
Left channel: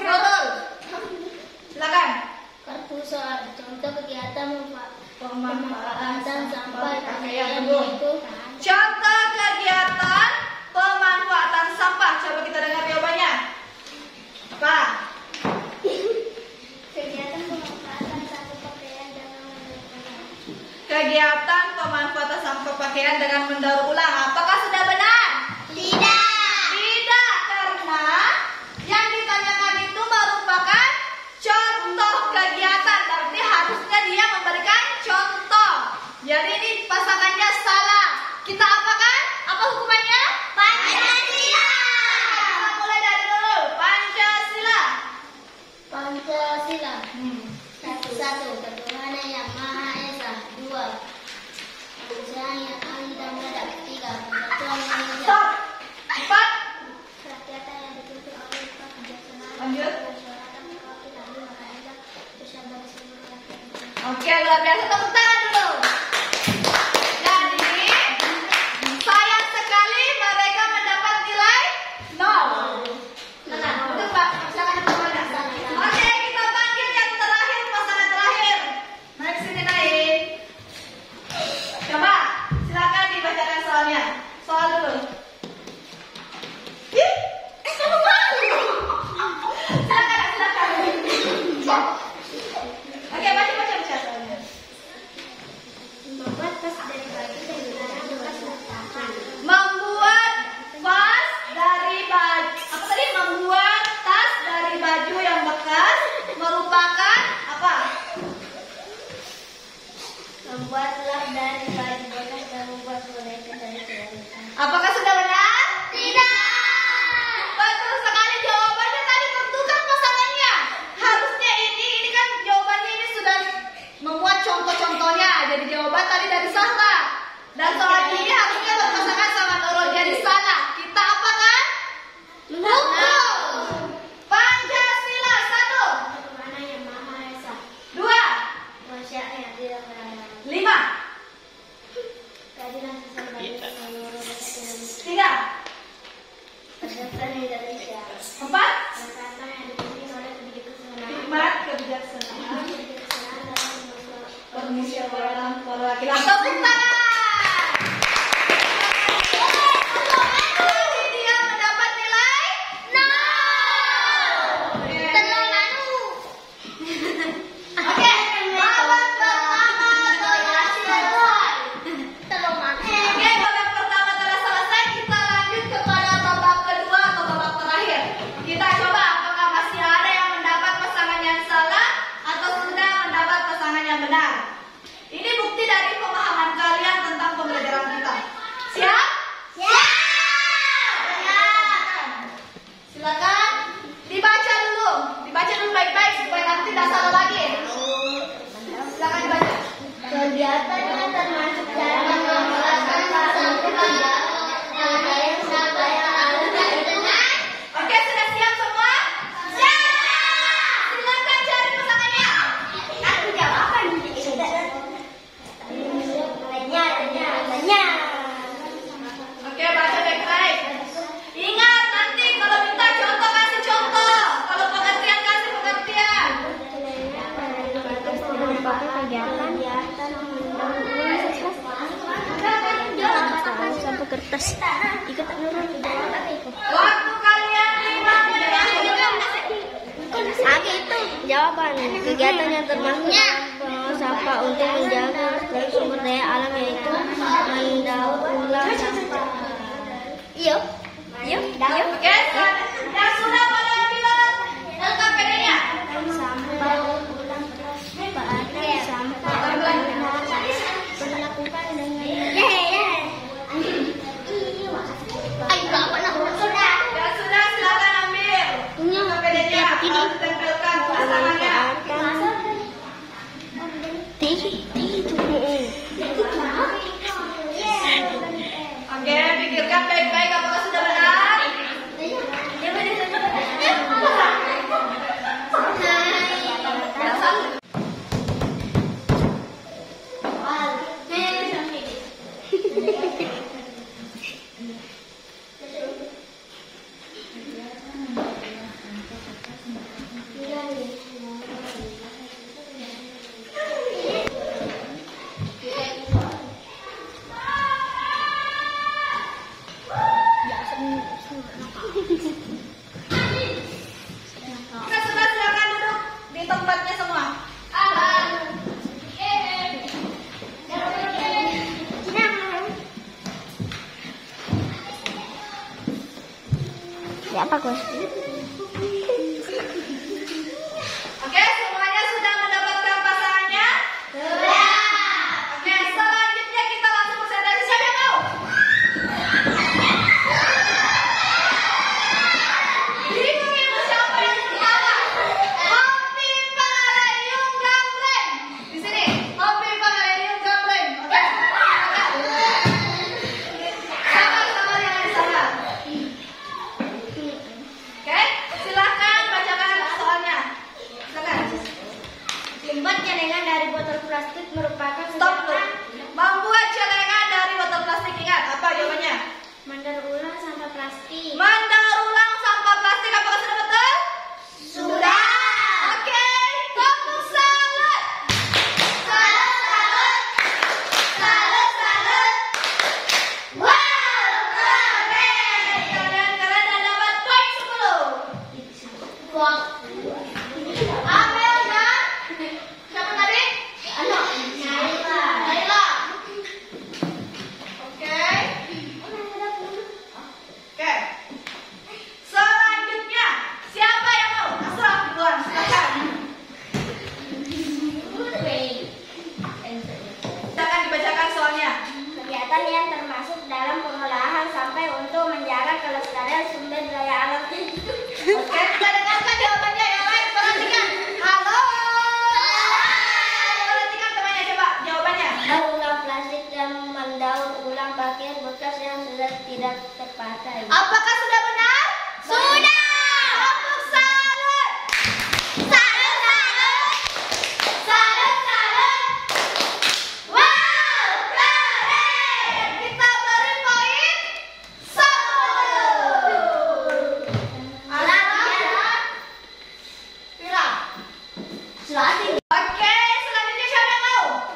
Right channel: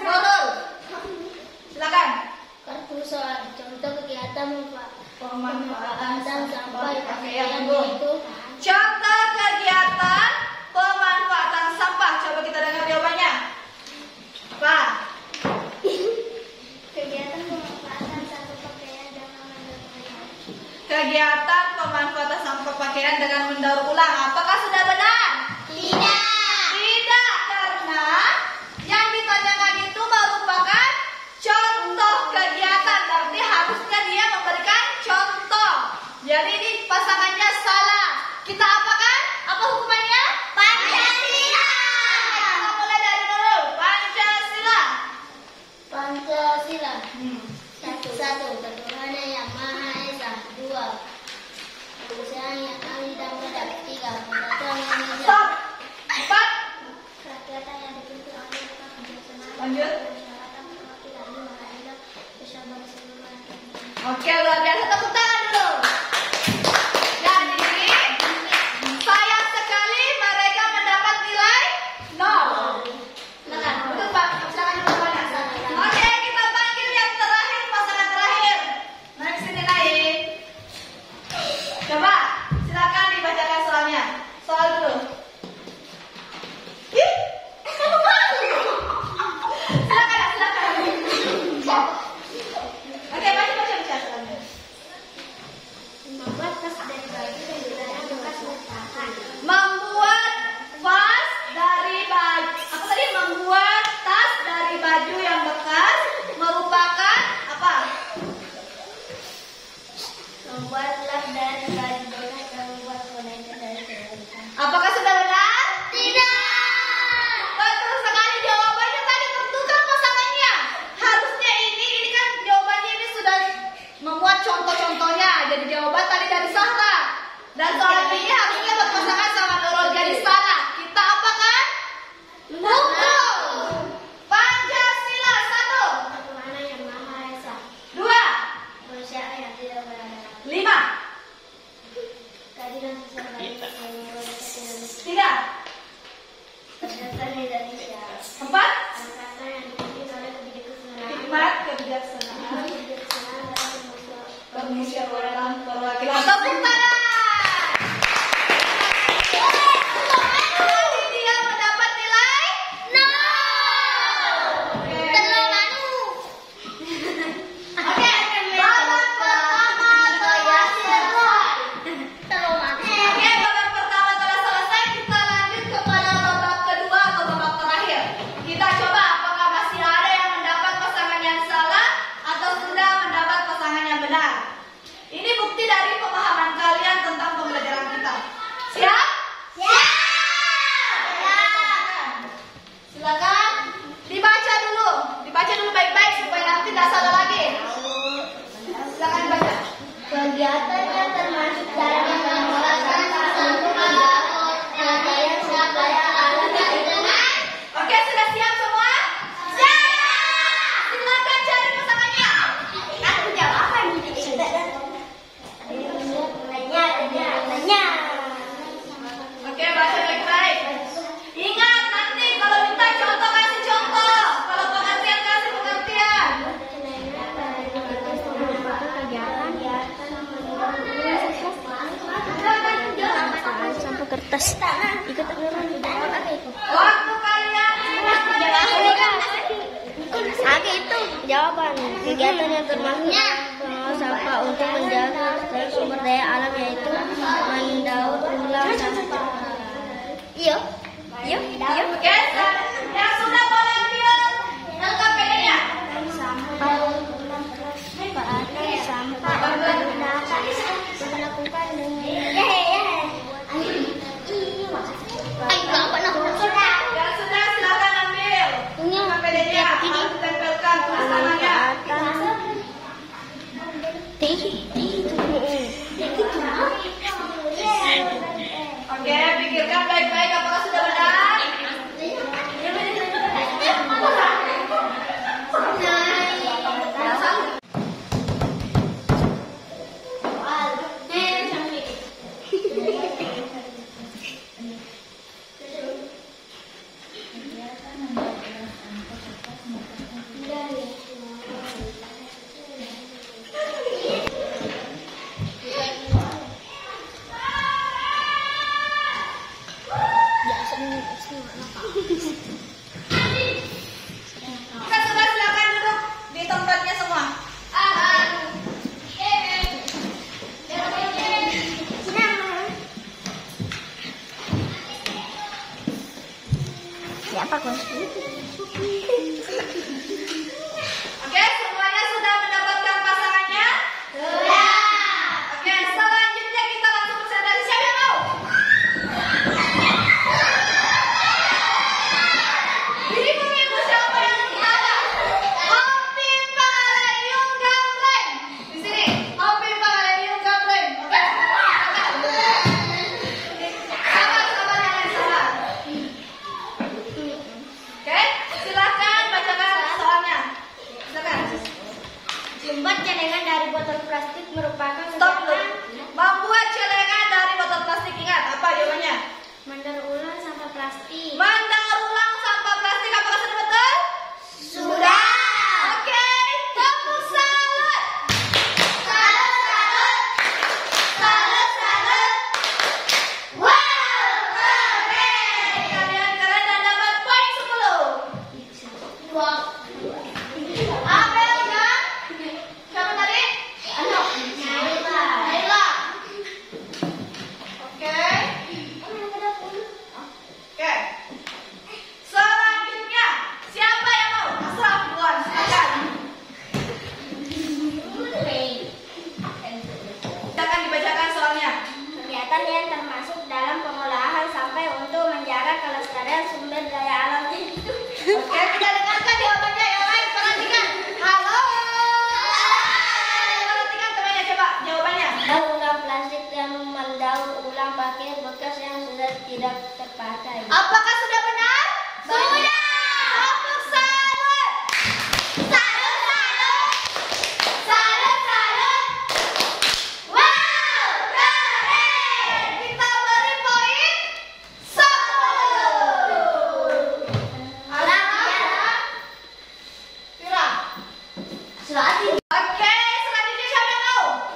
Nurul. Silakan. Kartu soal contoh kegiatan Pemanfaatan sampah pakaian yaitu Contoh kegiatan pemanfaatan sampah. Coba kita dengar jawabannya. Apa? kegiatan pemanfaatan sampah pakaian dengan mendaur ulang. Kegiatan pemanfaatan sampah pakaian dengan mendaur ulang. Apakah sudah benar? Tidak. Tidak, karena yang ditanyakan itu merupakan contoh kegiatan. Berarti harusnya dia memberikan contoh. Jadi ini pasangannya salah. Kita apakan? Apa hukumannya? Pancasila. Kita mulai dari dulu. Pancasila. Pancasila. Satu, Ketuhanan yang Maha Esa. 2, Kemanusiaan yang adil dan beradab. 3, Persatuan Indonesia. Stop. 4. Kerakyatan yang dipimpin oleh kebijaksanaan. Lanjut. Persyaratan perwakilan 5, kaedah usaha bagi seluruh rakyat. Oke, luar biasa. Tepuk tangan dulu. Jadi, sayang sekali mereka mendapat nilai 0. Nah, itu Pak. Silakan semuanya. Oke, kita panggil yang terakhir, pasangan terakhir. Naik sini, naik. Coba, silakan dibacakan soalnya. Soal dulu. Ih, silakan. Oke, baca soalnya. Membuat tas dari baju dan dilarang Membuat vas dari baju. Apa tadi? Membuat tas dari baju yang bekas merupakan apa? Membuat lap dari baju bekas dan membuat boneka dari kereta. Apakah sudah benar? Tidak. Betul sekali jawabannya tadi tertukar pasangannya. Harusnya ini kan jawabannya ini sudah membuat contoh-contohnya. Jadi jawaban tadi dari salah. Dan selanjutnya harusnya berpasangan sama Nurul jadi salah. Kita apa kan? Pukul. Pancasila 1. Mana yang Maha Esa? 2. Manusia yang tidak berada. 5. Keadilan sosial bagi seluruh rakyat Indonesia. 3. Persatuan Indonesia. 4. Persatuan yang dipimpin oleh kebijaksanaan. Hikmat kebijaksanaan. Kebijaksanaan dalam Permusyawaratan perwakilan. Tepuk tangan. Dia mendapat nilai 0. Oke, babak pertama telah selesai. Oke, babak pertama telah selesai. Kita lanjut kepada babak kedua atau babak terakhir. Kita coba apakah masih ada yang mendapat pasangan yang salah atau sudah mendapat pasangan yang benar. Ini bukti dari pemahaman kalian tentang pembelajaran kita. Siap? Siap. Silakan dibaca dulu baik-baik supaya nanti tidak salah lagi. Silakan dibaca. Kegiatannya termasuk cara mengelola sampah untuk penyelesaian supaya alam lingkungan. Oke, sudah siap semua? Siap. Silakan cari pasangannya. Aku jawab apa ini? Nilainya. Oke, baca baik-baik. Ingat nanti kalau minta contoh kasih contoh. Kalau pengertian kasih pengertian. Merupakan kegiatan sampah kertas ikut nurun. Waktu kalian 5 menit. Oke, itu jawaban. Kegiatan yang termasuk pengelola sampah untuk menjaga sumber daya alam yaitu mendaur ulang sampah. Iya. Oke, yang sudah boleh ambil LKPD-nya. Sampah organik dilakukan dengan Yang sudah silakan ambil LKPD-nya. Harus tempelkan pasangannya. Oke, pikirkan baik-baik apakah sudah benar. Kita coba silakan duduk di tempatnya semua. Siapa kok? Oke, semuanya sudah mendapatkan pasangannya? Sudah. Oke, selanjutnya kita langsung presentasi. Siapa yang mau? Bingung itu siapa yang pertama? Hopi Pangalarium Gambreng. Di sini, Hopi Pangalarium Gambreng. Oke. Sabar yang lain sabar. Oke, silakan. kegiatan yang termasuk dalam pengolahan sampai untuk menjaga kelestarian sumber daya alam itu. Oke, kita dengarkan jawabannya yang lain. Perhatikan. Halo. Perhatikan temannya, coba jawabannya. Mengulang plastik dan mendaur ulang pakaian bekas yang sudah tidak terpakai. Apakah sudah benar? Sudah. Tepuk salut. Salut, salut. Salut, salut. Wow, keren. Kita beri poin 10. Alat Pira. Selati. Oke, selanjutnya siapa yang mau?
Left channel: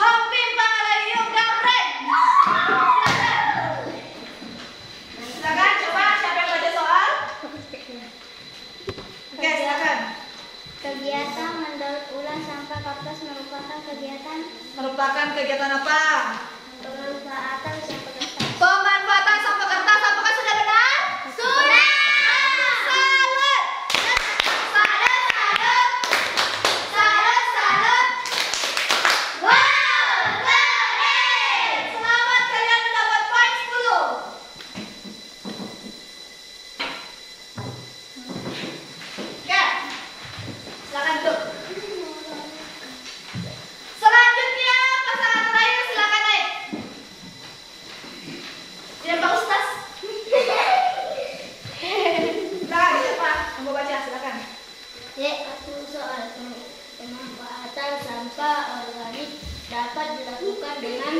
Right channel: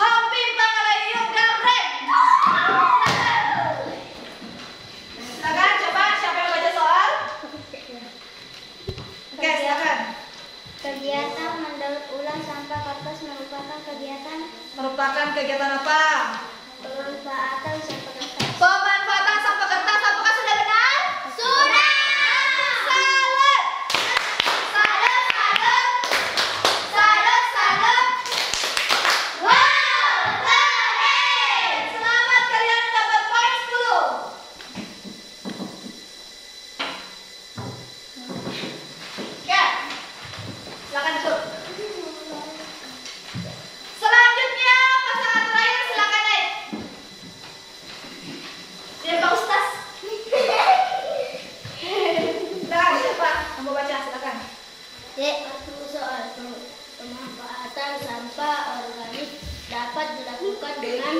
Hampim Pangalayu Gabrek. Silakan, coba siapa yang baca soal? Oke, silakan. Kegiatan mendaur ulang sampah kertas merupakan Kegiatan apa? pemanfaatan sampah kertas. Pemanfaatan sampah kertas. Apakah sudah benar? Sudah. Salut. Salut, salut. Salut, salut. Wow, keren. Selamat, kalian mendapat poin 10. Oke. Silakan duduk. Selanjutnya pasangan terakhir, silakan naik. Biar Pak Ustaz. Silakan, siapa? Kamu baca, silakan. Satu soal pemanfaatan sampah organik dapat dilakukan dengan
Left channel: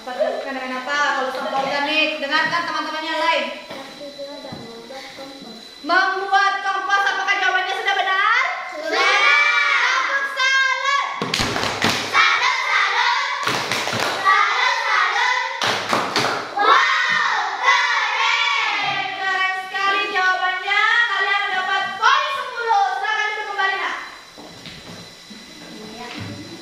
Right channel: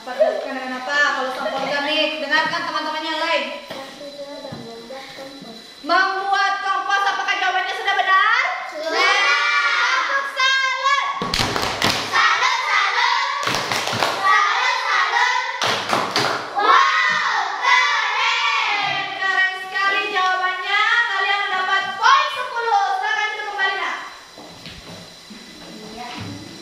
Apa dilakukan dengan apa? Kalau sampah organik, dengarkan teman-teman yang lain. satu dan membuat kompos. Membuat kompos, apakah jawabannya sudah benar? Sudah. Tepuk salut. Salut, salut. Salut, salut. Wow, keren. Keren sekali jawabannya. Kalian mendapat poin 10. Silakan duduk kembali, Nak.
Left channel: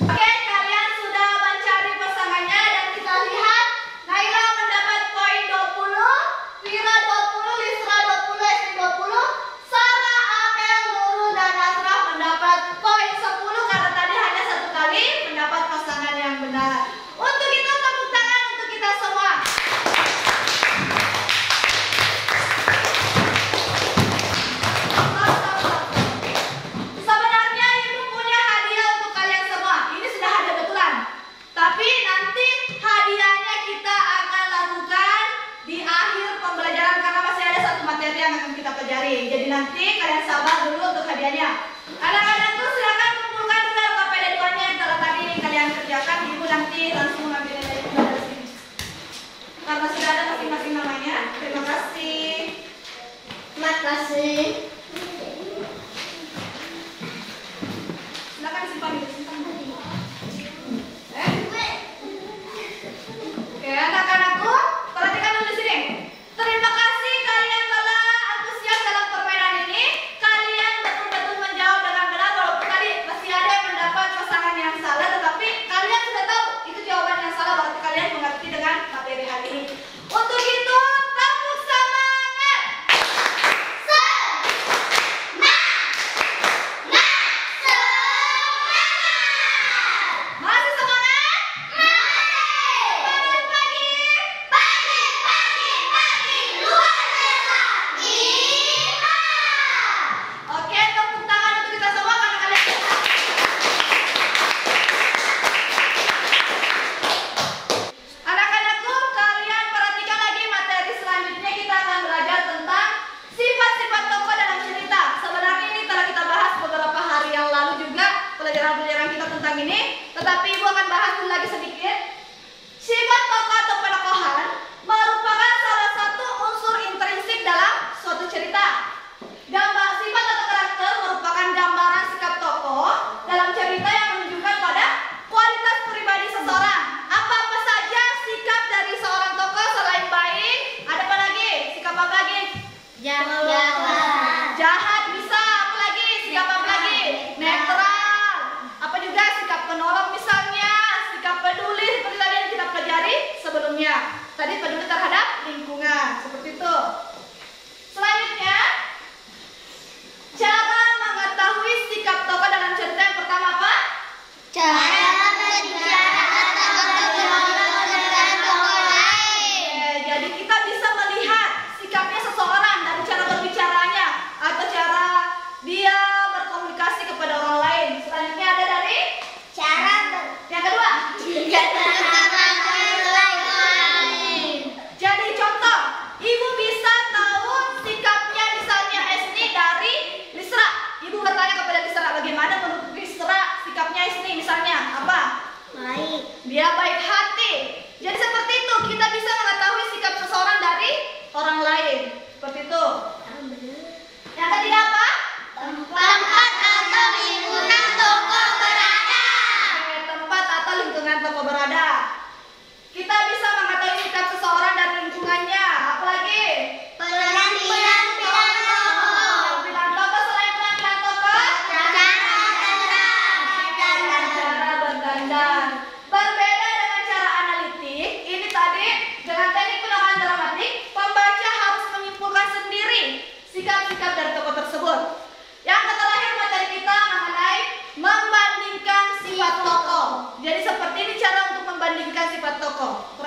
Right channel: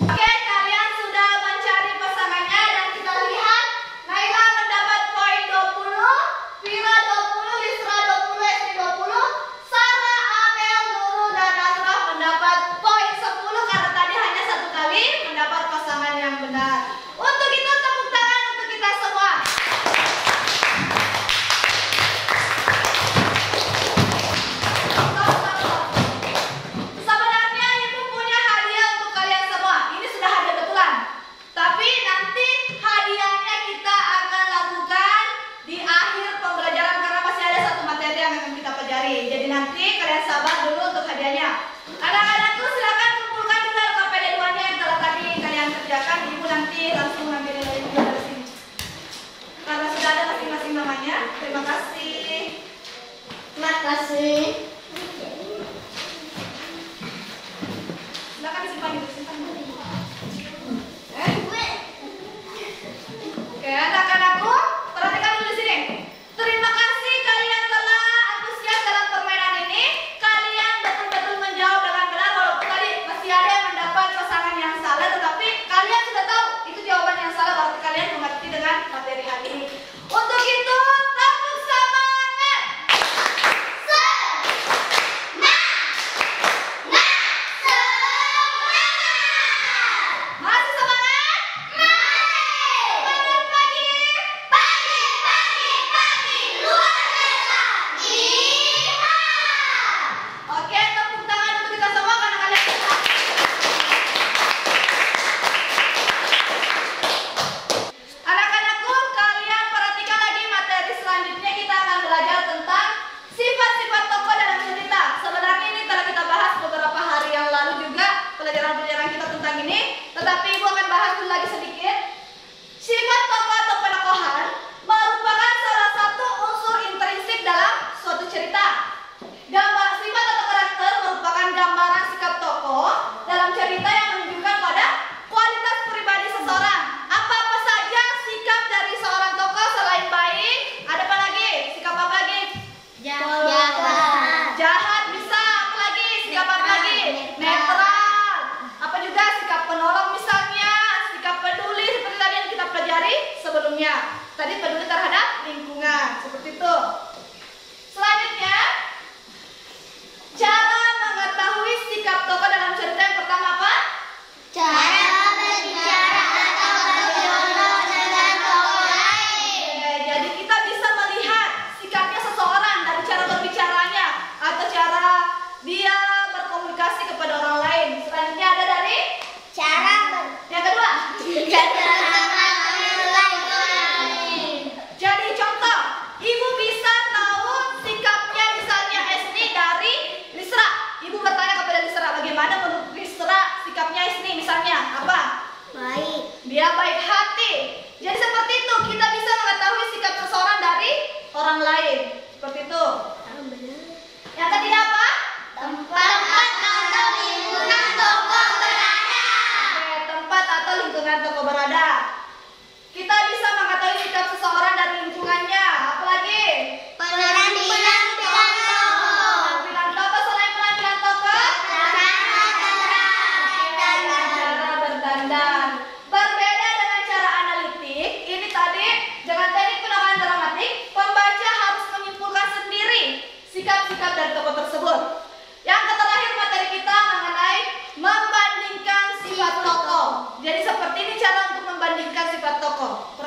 Oke, kalian sudah mencari pasangannya dan kita lihat Naila mendapat poin 20, Vira 20, Lisra 20, Estri 20, Sarah, Amel, Nurul, dan Asraf mendapat poin 10 karena tadi hanya satu kali mendapat pasangan yang benar. Untuk itu tepuk tangan untuk kita semua. Sebenarnya Ibu punya hadiah untuk kalian semua. Ini sudah hadiah betulan. Tapi nanti hadiahnya kita akan lakukan di akhir pembelajaran karena masih ada satu materi yang akan kita pelajari. Jadi nanti kalian sabar dulu untuk hadiahnya. Anak-anakku silakan kumpulkan dulu KPD 2-nya yang telah tadi kalian kerjakan. Ibu nanti langsung ambil dari sini. Karena sudah ada masing-masing namanya. Terima kasih. Terima kasih. Silakan disimpan dulu, simpan dulu. Oke, anak-anakku, perhatikan dulu di sini. Terima kasih kalian telah antusias dalam permainan ini. Kalian betul-betul menjawab dengan benar walaupun tadi masih ada yang mendapat pasangan yang salah, tetapi kalian sudah tahu itu jawaban yang salah, berarti kalian mengerti dengan materi hari ini. Untuk itu, tepuk semangat. Masih semangat? Pagi-pagi? Pagi, luar biasa. Iya. Oke, tepuk tangan untuk kita semua karena kalian anak-anakku, kalian perhatikan lagi materi selanjutnya. Kita akan belajar tentang sifat-sifat tokoh dalam cerita. Sebenarnya ini telah kita bahas beberapa hari yang lalu juga pelajaran-pelajaran kita tentang ini. Tetapi Ibu akan bahas dulu lagi sedikit. Sifat tokoh atau penokohan merupakan salah satu unsur intrinsik dalam suatu cerita. Gambar sifat atau karakter merupakan gambaran sikap tokoh dalam cerita yang menunjukkan pada kualitas pribadi seseorang. Apa-apa saja sikap dari seorang tokoh selain baik, ada apa lagi? Sikap apa lagi? Jahat bisa, apa lagi? Sikap apa lagi? Netral. Apa juga sikap penolong misalnya, sikap peduli seperti tadi yang kita pelajari sebelumnya. Tadi peduli terhadap lingkungan, seperti itu. Selanjutnya, cara mengetahui sikap tokoh dalam cerita yang pertama apa? Cara berbicara atau berbicara tokoh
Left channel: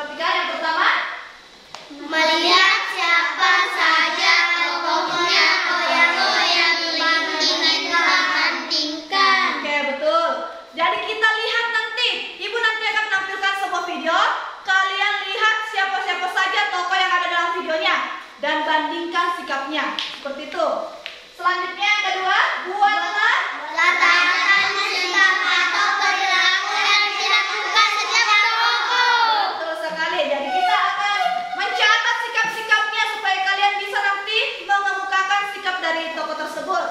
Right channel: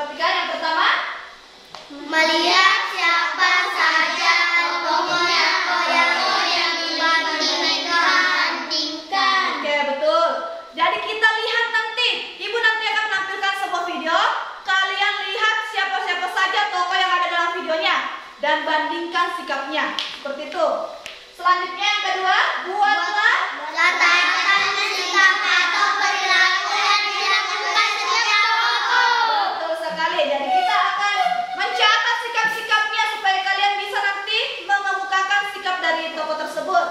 Perhatikan yang pertama. Melihat siapa saja tokohnya yang dibandingkan. Oke, betul. Jadi kita lihat nanti. Ibu nanti akan menampilkan sebuah video. Kalian lihat siapa-siapa saja tokoh yang ada dalam videonya dan bandingkan sikapnya. Seperti itu. Selanjutnya yang kedua, buatlah Letakkan sikap atau perilaku yang dilakukan setiap tokoh. betul sekali. Jadi kita akan mencatat sikap-sikapnya supaya kalian bisa nanti mengemukakan sikap dari tokoh tersebut.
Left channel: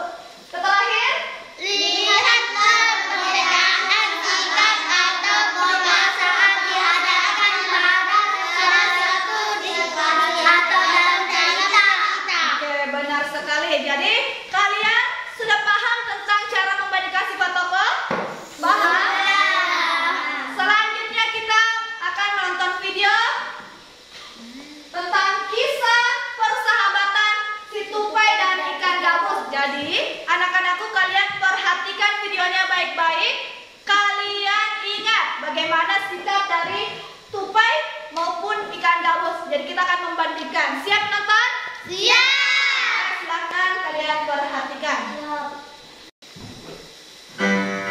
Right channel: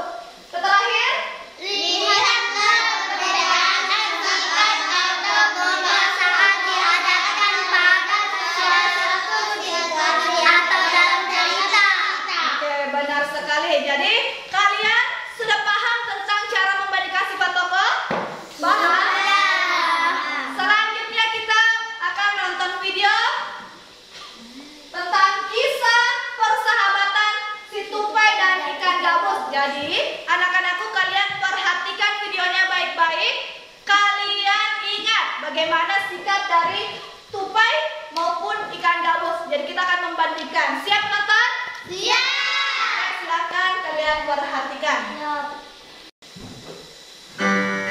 Terakhir, Lihat perbedaan sikap atau pola saat dihadapkan pada sesuatu di situasi atau dalam cerita. oke, benar sekali. Jadi kalian sudah paham tentang cara membandingkan sifat tokoh? Paham? Selanjutnya kita akan menonton video tentang kisah persahabatan si tupai dan ikan gabus. Jadi anak-anakku, kalian perhatikan videonya baik-baik. Kalian ingat bagaimana sikap dari tupai maupun ikan gabus. Jadi kita akan membandingkan. Siap menonton? Iya. Silakan kalian perhatikan.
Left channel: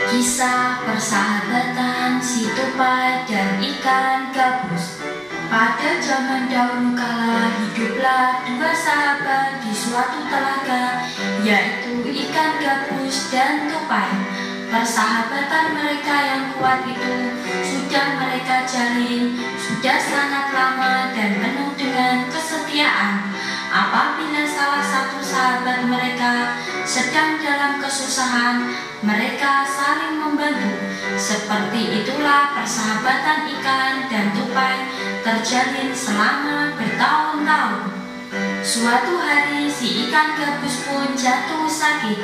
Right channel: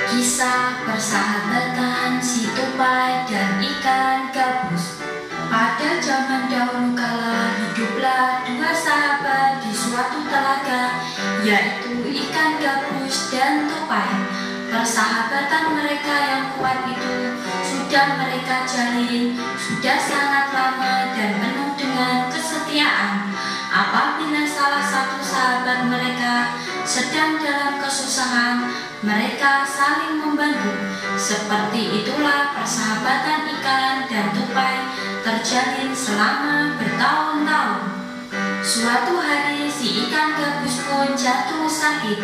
Kisah persahabatan si tupai dan ikan gabus. Pada zaman dahulu kala hiduplah dua sahabat di suatu telaga, yaitu ikan gabus dan tupai. Persahabatan mereka yang kuat itu sudah mereka jalin sudah sangat lama dan penuh dengan kesetiaan. Apabila salah satu sahabat mereka sedang dalam kesusahan, mereka saling membantu. Seperti itulah persahabatan ikan dan tupai terjalin selama bertahun-tahun. Suatu hari si ikan gabus pun jatuh sakit.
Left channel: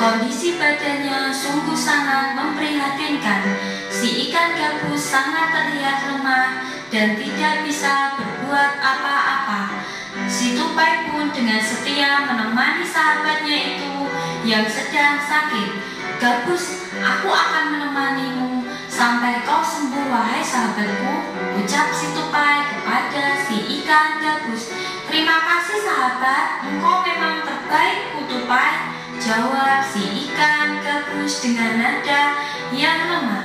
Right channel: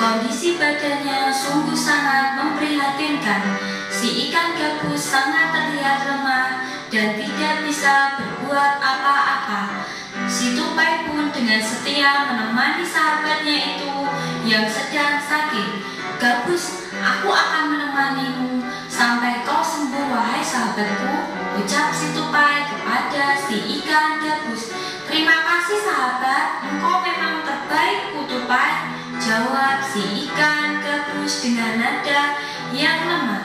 Kondisi badannya sungguh sangat memprihatinkan. Si ikan gabus sangat terlihat lemah dan tidak bisa berbuat apa-apa. Si tupai pun dengan setia menemani sahabatnya itu yang sedang sakit. Gabus, aku akan menemanimu sampai kau sembuh, wahai sahabatku, ucap si tupai kepada si ikan gabus. Terima kasih sahabat, engkau memang terbaik, ku tupai, jawab si ikan gabus dengan nada yang lemah.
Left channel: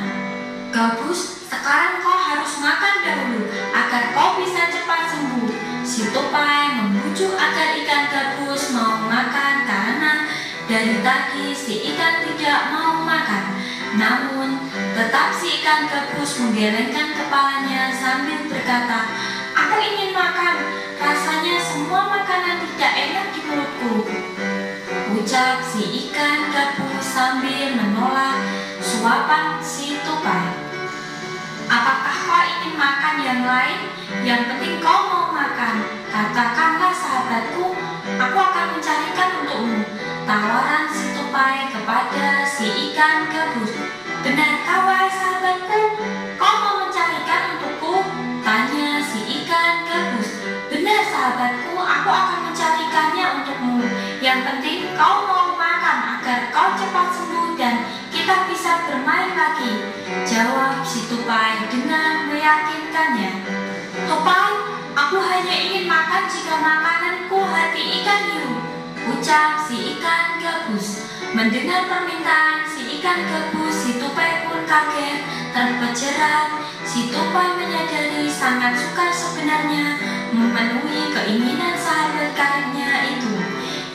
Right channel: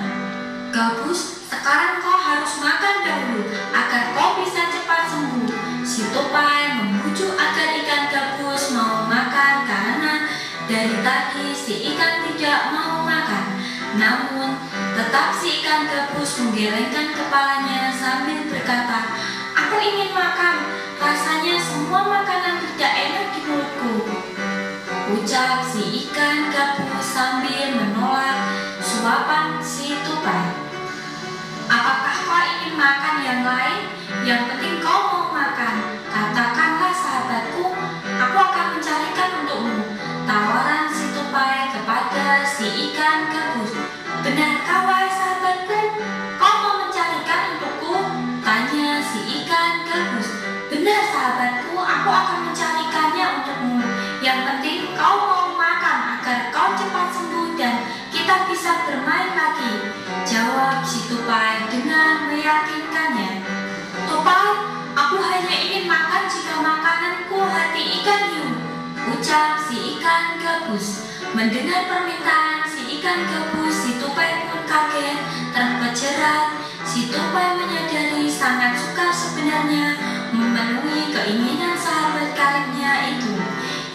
Gabus, sekarang kau harus makan dahulu agar kau bisa cepat sembuh. Si tupai membujuk agar ikan gabus mau makan karena dari tadi si ikan tidak mau makan. Namun tetap si ikan gabus menggelengkan kepalanya sambil berkata, aku ingin makan, rasanya semua makanan tidak enak di mulutku, ucap si ikan gabus sambil menolak suapan si tupai. Apakah kau ingin makan yang lain? Yang penting kau mau makan. Katakanlah sahabatku, aku akan mencarikan untukmu, tawaran si tupai kepada si ikan gabus. Benarkah wahai sahabatku, kau mau mencarikan untukku? Tanya si ikan gabus. Benar sahabatku, aku akan mencarikannya untukmu. Yang penting kau mau makan agar kau cepat sembuh dan kita bisa bermain lagi, jawab si tupai dengan meyakinkannya. Tupai, aku hanya ingin makan jika makananku hati ikan hiu, ucap si ikan gabus. Mendengar permintaan si ikan gabus, si tupai pun kaget, terpejerat. Si tupai menyadari sangat suka sebenarnya memenuhi keinginan sahabat karibnya itu.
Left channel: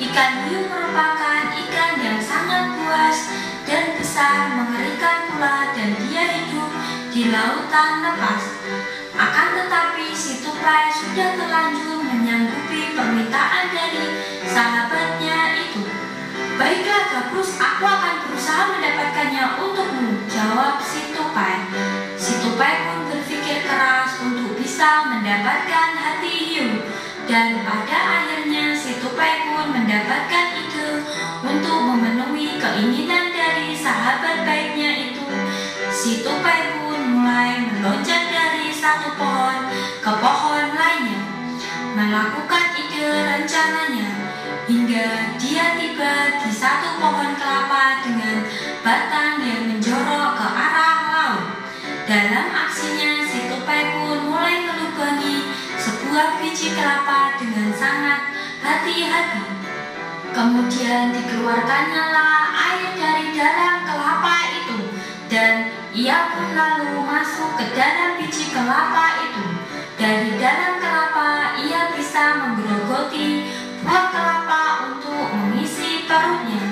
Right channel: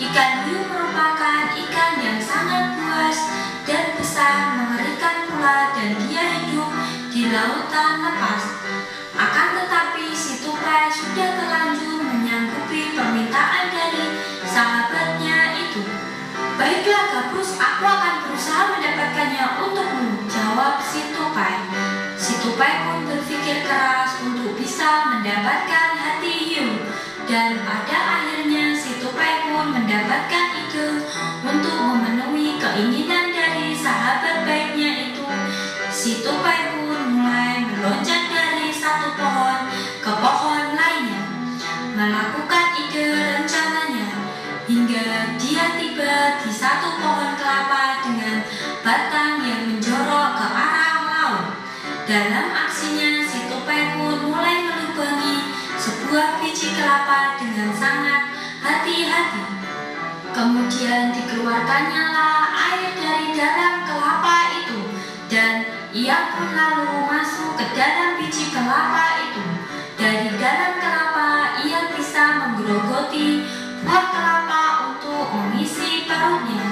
Ikan hiu merupakan ikan yang sangat buas dan besar, mengerikan pula, dan dia hidup di lautan lepas. Akan tetapi si tupai sudah terlanjur menyanggupi permintaan dari sahabatnya itu. Baiklah gabus, aku akan berusaha mendapatkannya untukmu, jawab si tupai. Si tupai pun berpikir keras untuk bisa mendapatkan hati hiu, dan pada akhirnya si tupai pun mendapatkan ide untuk memenuhi keinginan dari sahabat baiknya itu. Si tupai pun mulai meloncat dari satu pohon ke pohon lainnya, melakukan ide rencananya, hingga dia tiba di satu pohon kelapa dengan batang yang menjorok ke arah laut. Dalam aksinya, si tupai pun mulai melubur biji kelapa dengan sangat hati-hati. Kemudian dikeluarkannya air dari dalam kelapa itu, dan ia pun lalu masuk ke dalam biji kelapa itu. Dari dalam kelapa ia bisa menggerogoti buah kelapa untuk mengisi perutnya.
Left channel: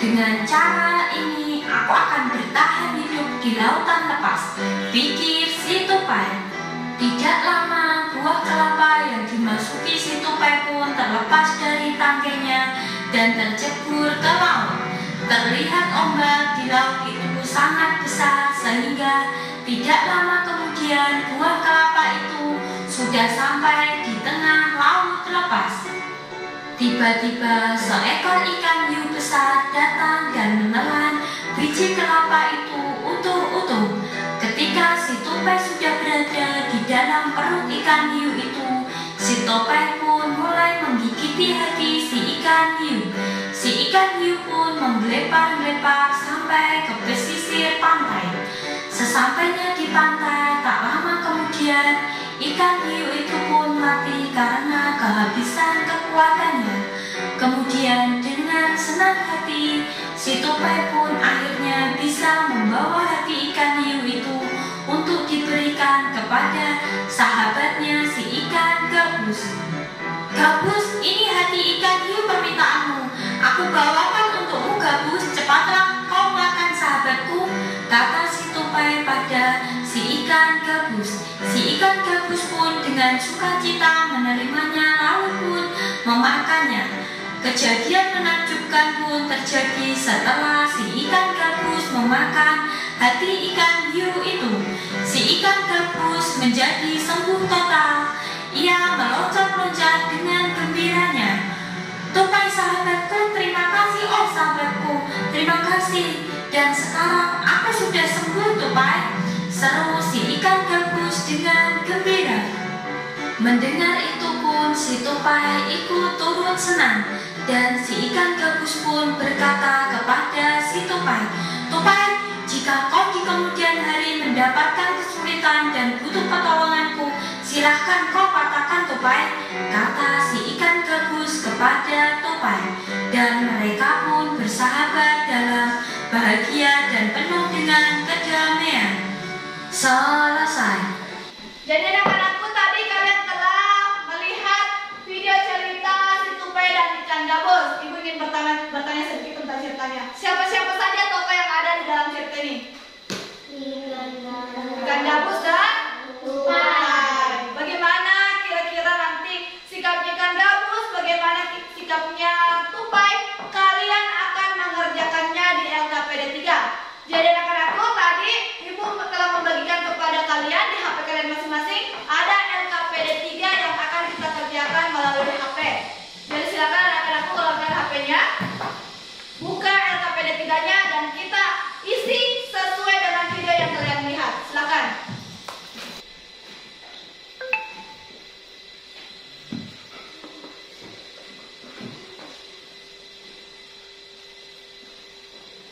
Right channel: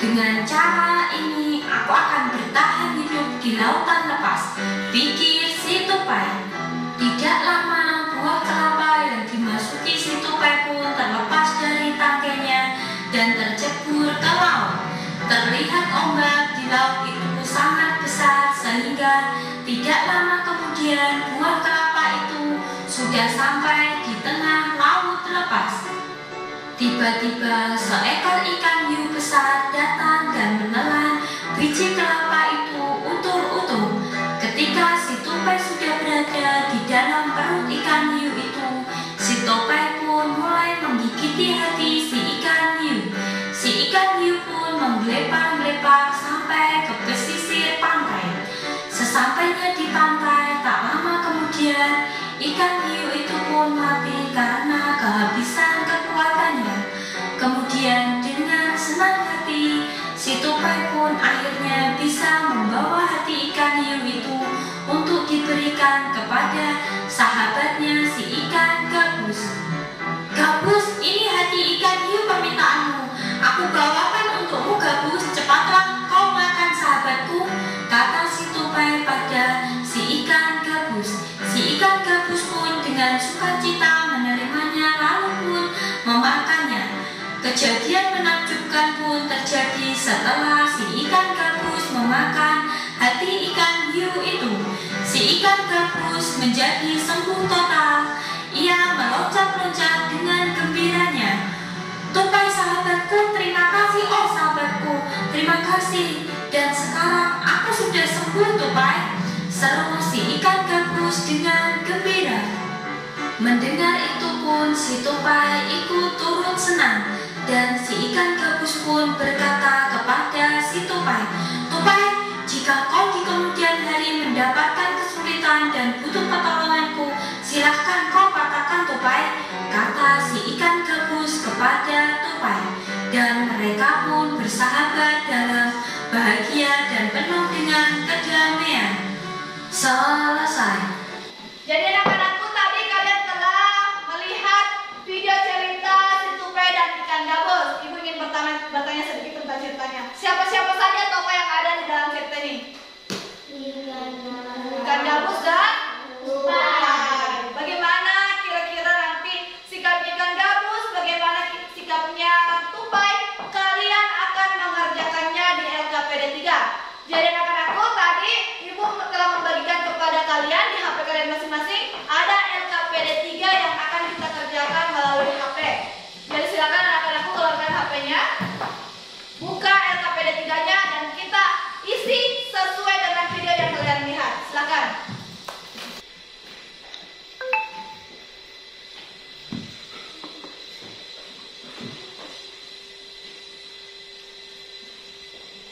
Dengan cara ini aku akan bertahan hidup di lautan lepas, pikir si tupai. Tidak lama buah kelapa yang dimasuki si tupai pun terlepas dari tangkainya dan tercebur ke laut. Terlihat ombak di laut itu sangat besar sehingga tidak lama kemudian buah kelapa itu sudah sampai di tengah laut lepas. Tiba-tiba seekor ikan hiu besar datang dan menelan biji kelapa itu utuh-utuh. Ketika si tupai sudah berada di dalam perut ikan hiu itu, si tupai pun mulai menggigiti hati si ikan hiu. Si ikan hiu pun menggelepar-gelepar sampai ke pesisir pantai. Sesampainya di pantai, tak lama kemudian ikan hiu itu pun mati karena kehabisan kekuatannya. Kemudian dengan senang hati, si tupai pun akhirnya bisa membawa hati ikan hiu itu untuk diberikan kepada sahabatnya si ikan gabus. Gabus, ini hati ikan hiu permintaanmu. Aku bawakan untukmu gabus, cepatlah kau makan sahabatku, kata si tupai pada si ikan gabus. Si ikan gabus pun dengan sukacita menerimanya lalu pun memakannya. Kejadian menakjubkan pun terjadi setelah si ikan gabus memakan hati ikan hiu itu. Si ikan gabus menjadi sembuh total. Ia meloncat-loncat dengan gembiranya. Tupai sahabatku, terima kasih, oh sahabatku, terima kasih. Dan sekarang aku sudah sembuh, tupai, seru si ikan gabus dengan gembira. Mendengar itu pun si tupai ikut turut senang, dan si ikan gabus pun berkata kepada si tupai, tupai, jika kau di kemudian hari mendapatkan kesulitan dan butuh pertolonganku, silahkan kau katakan, tupai, kata si ikan gabus kepada tupai. Dan mereka pun bersahabat dalam bahagia dan penuh dengan kedamaian. Selesai. Jadi anak-anakku, tadi kalian telah melihat video cerita si tupai dan ikan gabus. Ibu ingin bertanya sedikit tentang ceritanya. Siapa-siapa saja tokoh yang ada di dalam cerita ini? Ikan gabus dan tupai. Bagaimana kira-kira nanti sikap ikan gabus, bagaimana sikapnya tupai? Kalian akan mengerjakannya di LKPD 3. Jadi anak-anakku, tadi Ibu telah membagikan kepada kalian di HP kalian masing-masing ada LKPD 3 yang akan kita kerjakan melalui HP. Jadi silakan anak-anakku keluarkan HP-nya, buka LKPD 3-nya dan kita isi sesuai dengan video yang kalian lihat. Silakan.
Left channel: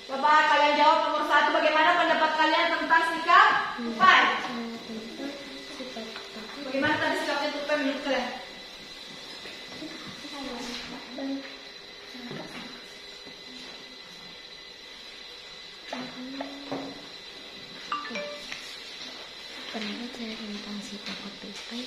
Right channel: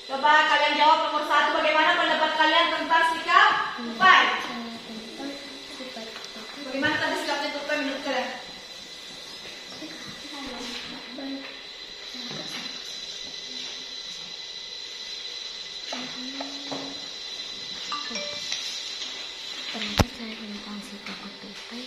Coba kalian jawab nomor 1, bagaimana pendapat kalian tentang sikap tupai? Bagaimana tadi sikapnya tupai menurut kalian? Pendapat saya tentang si tokoh tupai,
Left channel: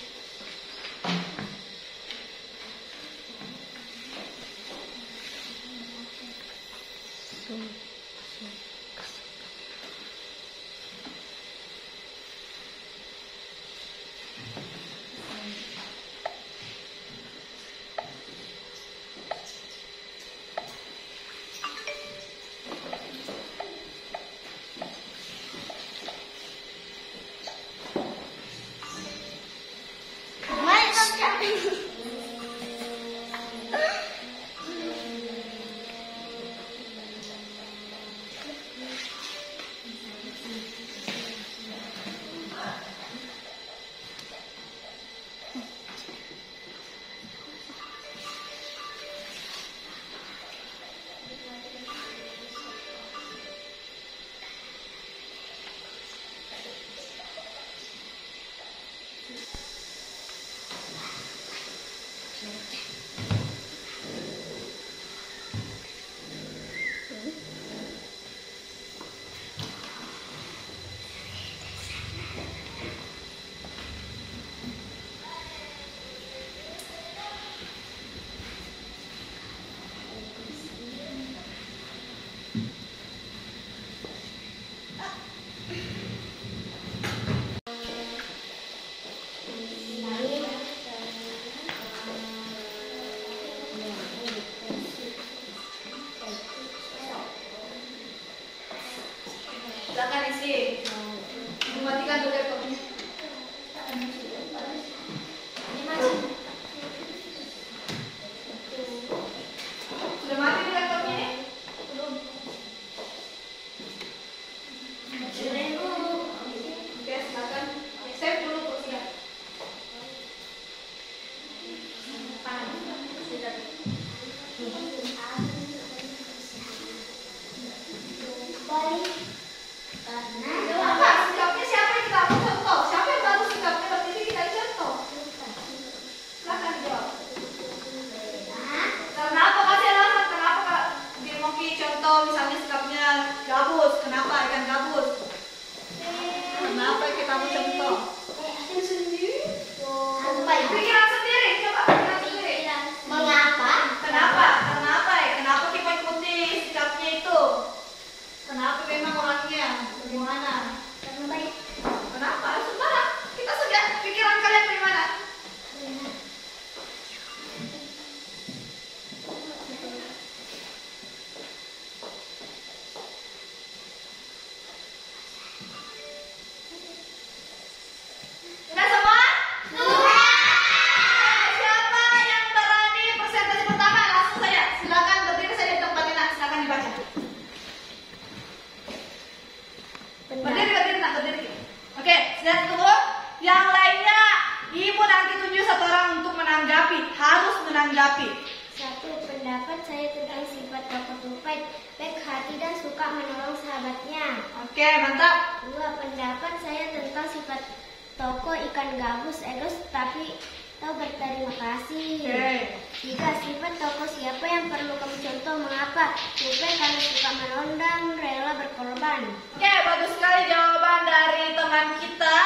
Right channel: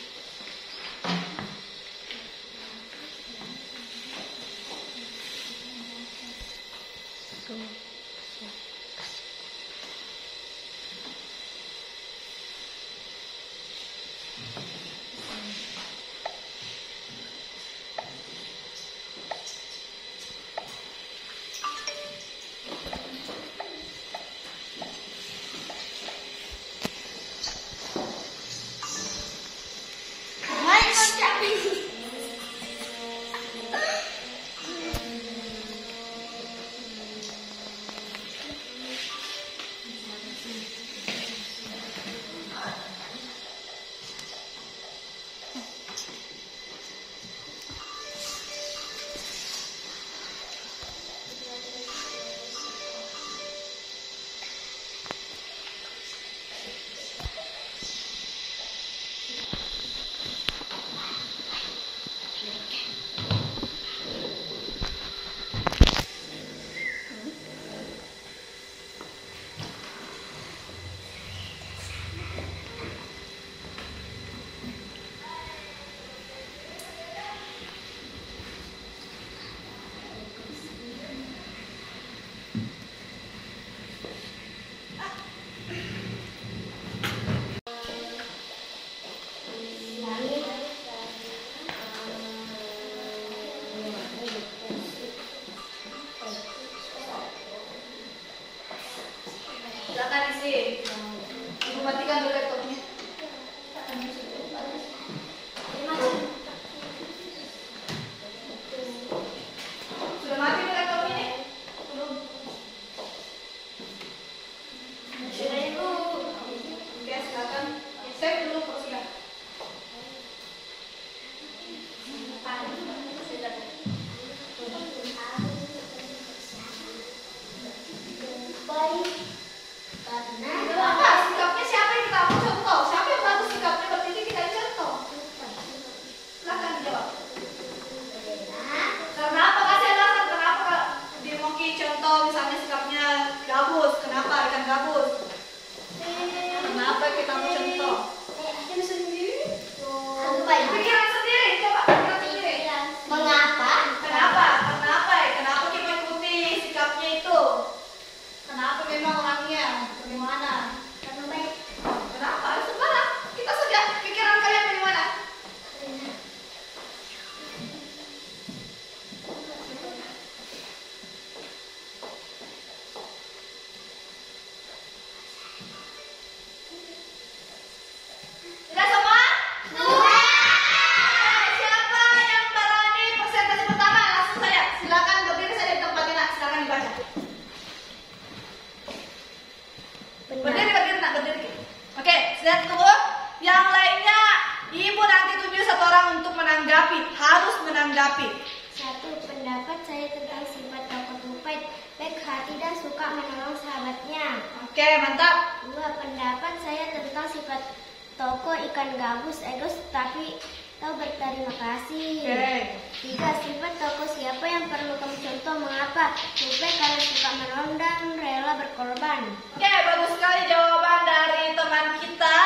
Pendapat saya tentang sifat tokoh Tupai, baik hati dan suka menolong sahabatnya. Oke, mantap. 2. Pendapat saya tentang sifat tokoh ikan gabus, egois tapi tahu berterima kasih. Oke. 3. Sifat tokoh siapa yang perlu kamu contoh, mengapa? Tupai karena suka menolong dan rela berkorban. Oke, bagus sekali jawaban dari teman kita.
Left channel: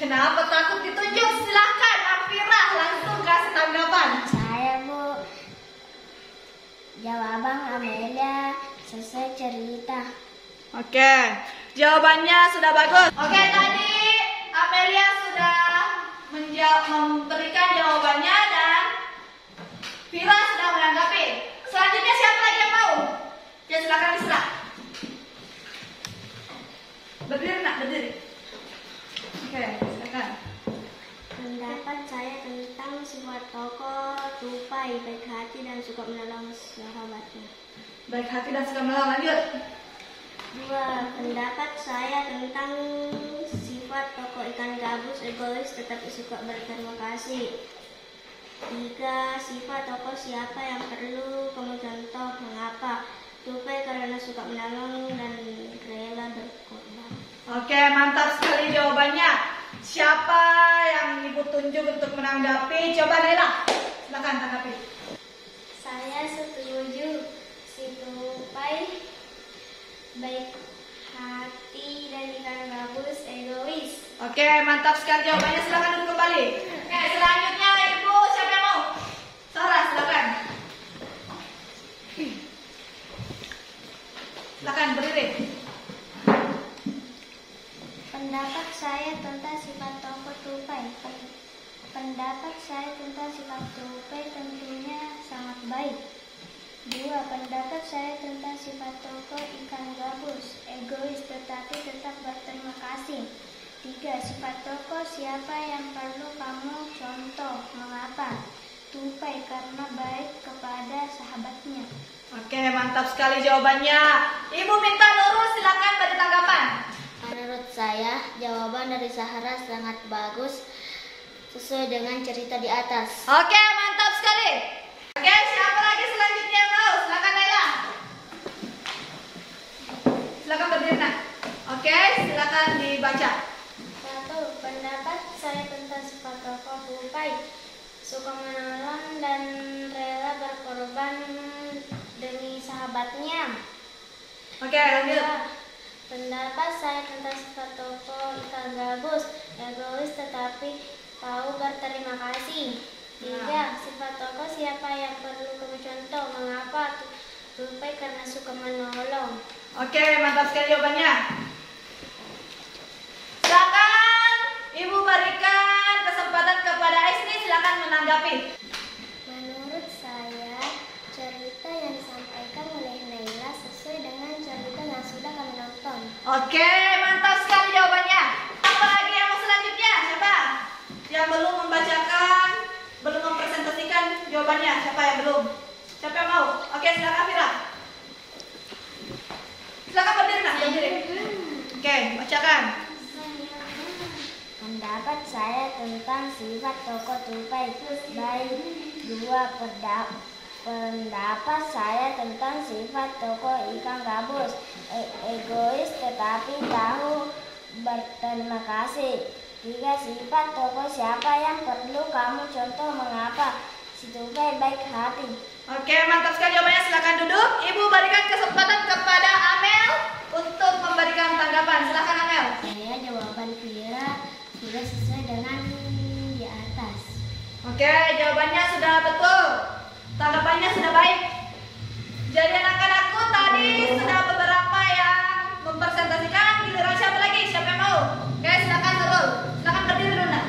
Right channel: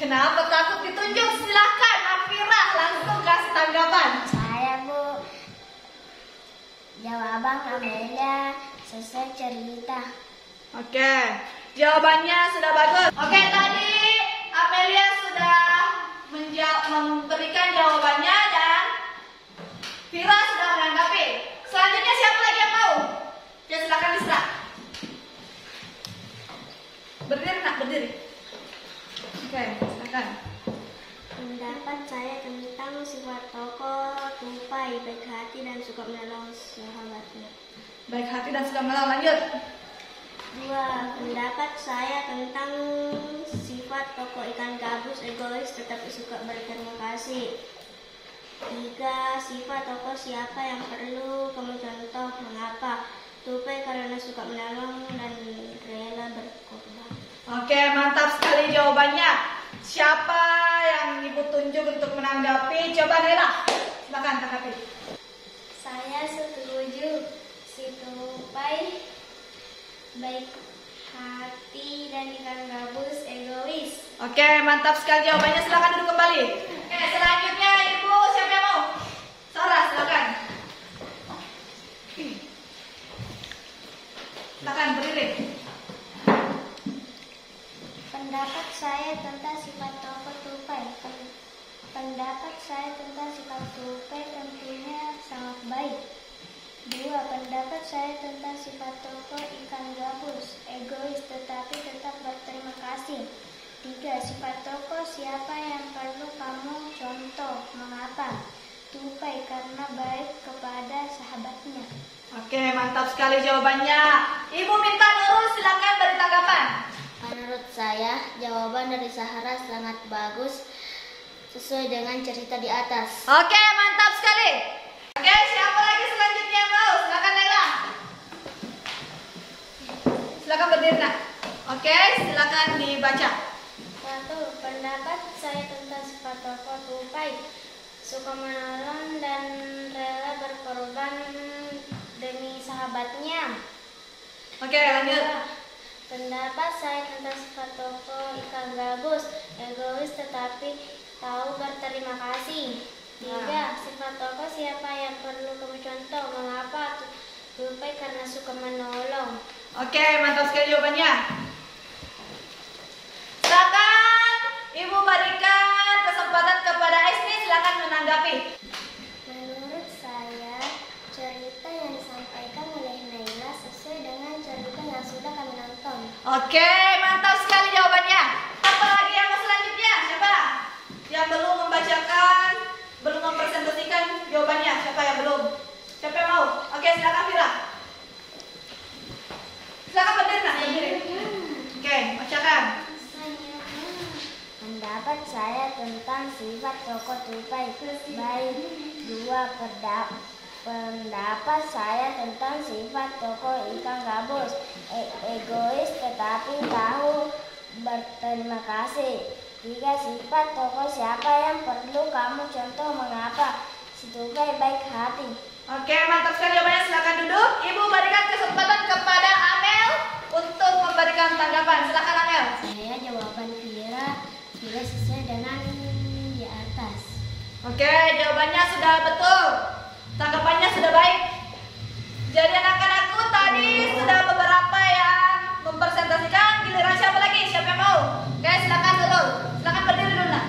Kenapa takut ditunjuk? Silakan, Nafira, langsung kasih tanggapan. Saya, Bu. Jawaban Amelia selesai cerita. Oke, jawabannya sudah bagus. Oke, tadi Amelia sudah memberikan jawabannya dan Vira sudah menanggapi. Selanjutnya siapa lagi yang mau? Ya, silakan Isra. Berdiri nak, berdiri. Oke, silakan. Pendapat saya tentang sifat tokoh Tupai, baik hati dan suka menolong sahabatnya. Baik hati dan suka menolong, lanjut. 2. Pendapat saya tentang sifat tokoh ikan gabus, egois tetapi suka berterima kasih. 3. Sifat tokoh siapa yang perlu kamu contoh, mengapa? Tupai karena suka menolong dan rela berkorban. Oke, mantap sekali jawabannya. Siapa yang Ibu tunjuk untuk menanggapi? Coba Naila, silakan tanggapi. Saya setuju, si Tupai baik hati dan ikan gabus, egois. Oke, mantap sekali jawabannya. Silakan duduk kembali. Oke, selanjutnya Ibu siapa yang mau? Sarah, silakan. Silakan berdiri. Pendapat saya tentang sifat tokoh Tupai. Pendapat saya tentang sifat Tupai tentunya sangat baik. 2. Pendapat saya tentang sifat tokoh ikan gabus, egois tetapi tetap berterima kasih. 3. Sifat tokoh siapa yang perlu kamu contoh, mengapa? Tupai karena baik kepada sahabatnya. Oke, mantap sekali jawabannya. Ibu minta Nurul, silakan beri tanggapan. Menurut saya, jawaban dari Sahara sangat bagus sesuai dengan cerita di atas. Oke, mantap sekali. Oke, siapa lagi selanjutnya yang mau? Silakan Naila. Silakan berdiri nak. Oke, silakan dibaca. 1. Pendapat saya tentang sifat tokoh Tupai, suka menolong dan rela berkorban demi sahabatnya. Oke, lanjut. 2. Pendapat saya tentang sifat tokoh ikan gabus, egois tetapi tahu berterima kasih. 3. Sifat tokoh siapa yang perlu kamu contoh, mengapa? Tupai karena suka menolong. Oke, mantap sekali jawabannya. Silakan Ibu berikan kesempatan kepada Esni, silakan menanggapi. Menurut saya, cerita yang disampaikan oleh Naila sesuai dengan cerita yang sudah kami nonton. Oke, mantap sekali jawabannya. Apa lagi yang mau selanjutnya? Siapa yang belum membacakan, belum mempresentasikan jawabannya? Siapa yang belum? Siapa yang mau? Oke, silakan Vira. Silakan berdiri nak, berdiri. Oke, bacakan. Pendapat saya tentang sifat tokoh Tupai baik. 2. Pendapat saya tentang sifat tokoh ikan gabus, egois tetapi tahu berterima kasih. 3. Sifat tokoh siapa yang perlu kamu contoh, mengapa? Si Tupai baik hati. Oke, mantap sekali jawabannya. Silakan duduk. Ibu berikan kesempatan kepada Amel untuk memberikan tanggapan. Silakan Amel. Saya jawaban Vira sudah sesuai dengan di atas. Oke, jawabannya sudah betul. Tanggapannya sudah baik. Jadi anak-anakku tadi sudah beberapa yang mempresentasikan. Giliran siapa lagi? Siapa yang mau? Oke, silakan Nurul. Silakan berdiri dulu nak.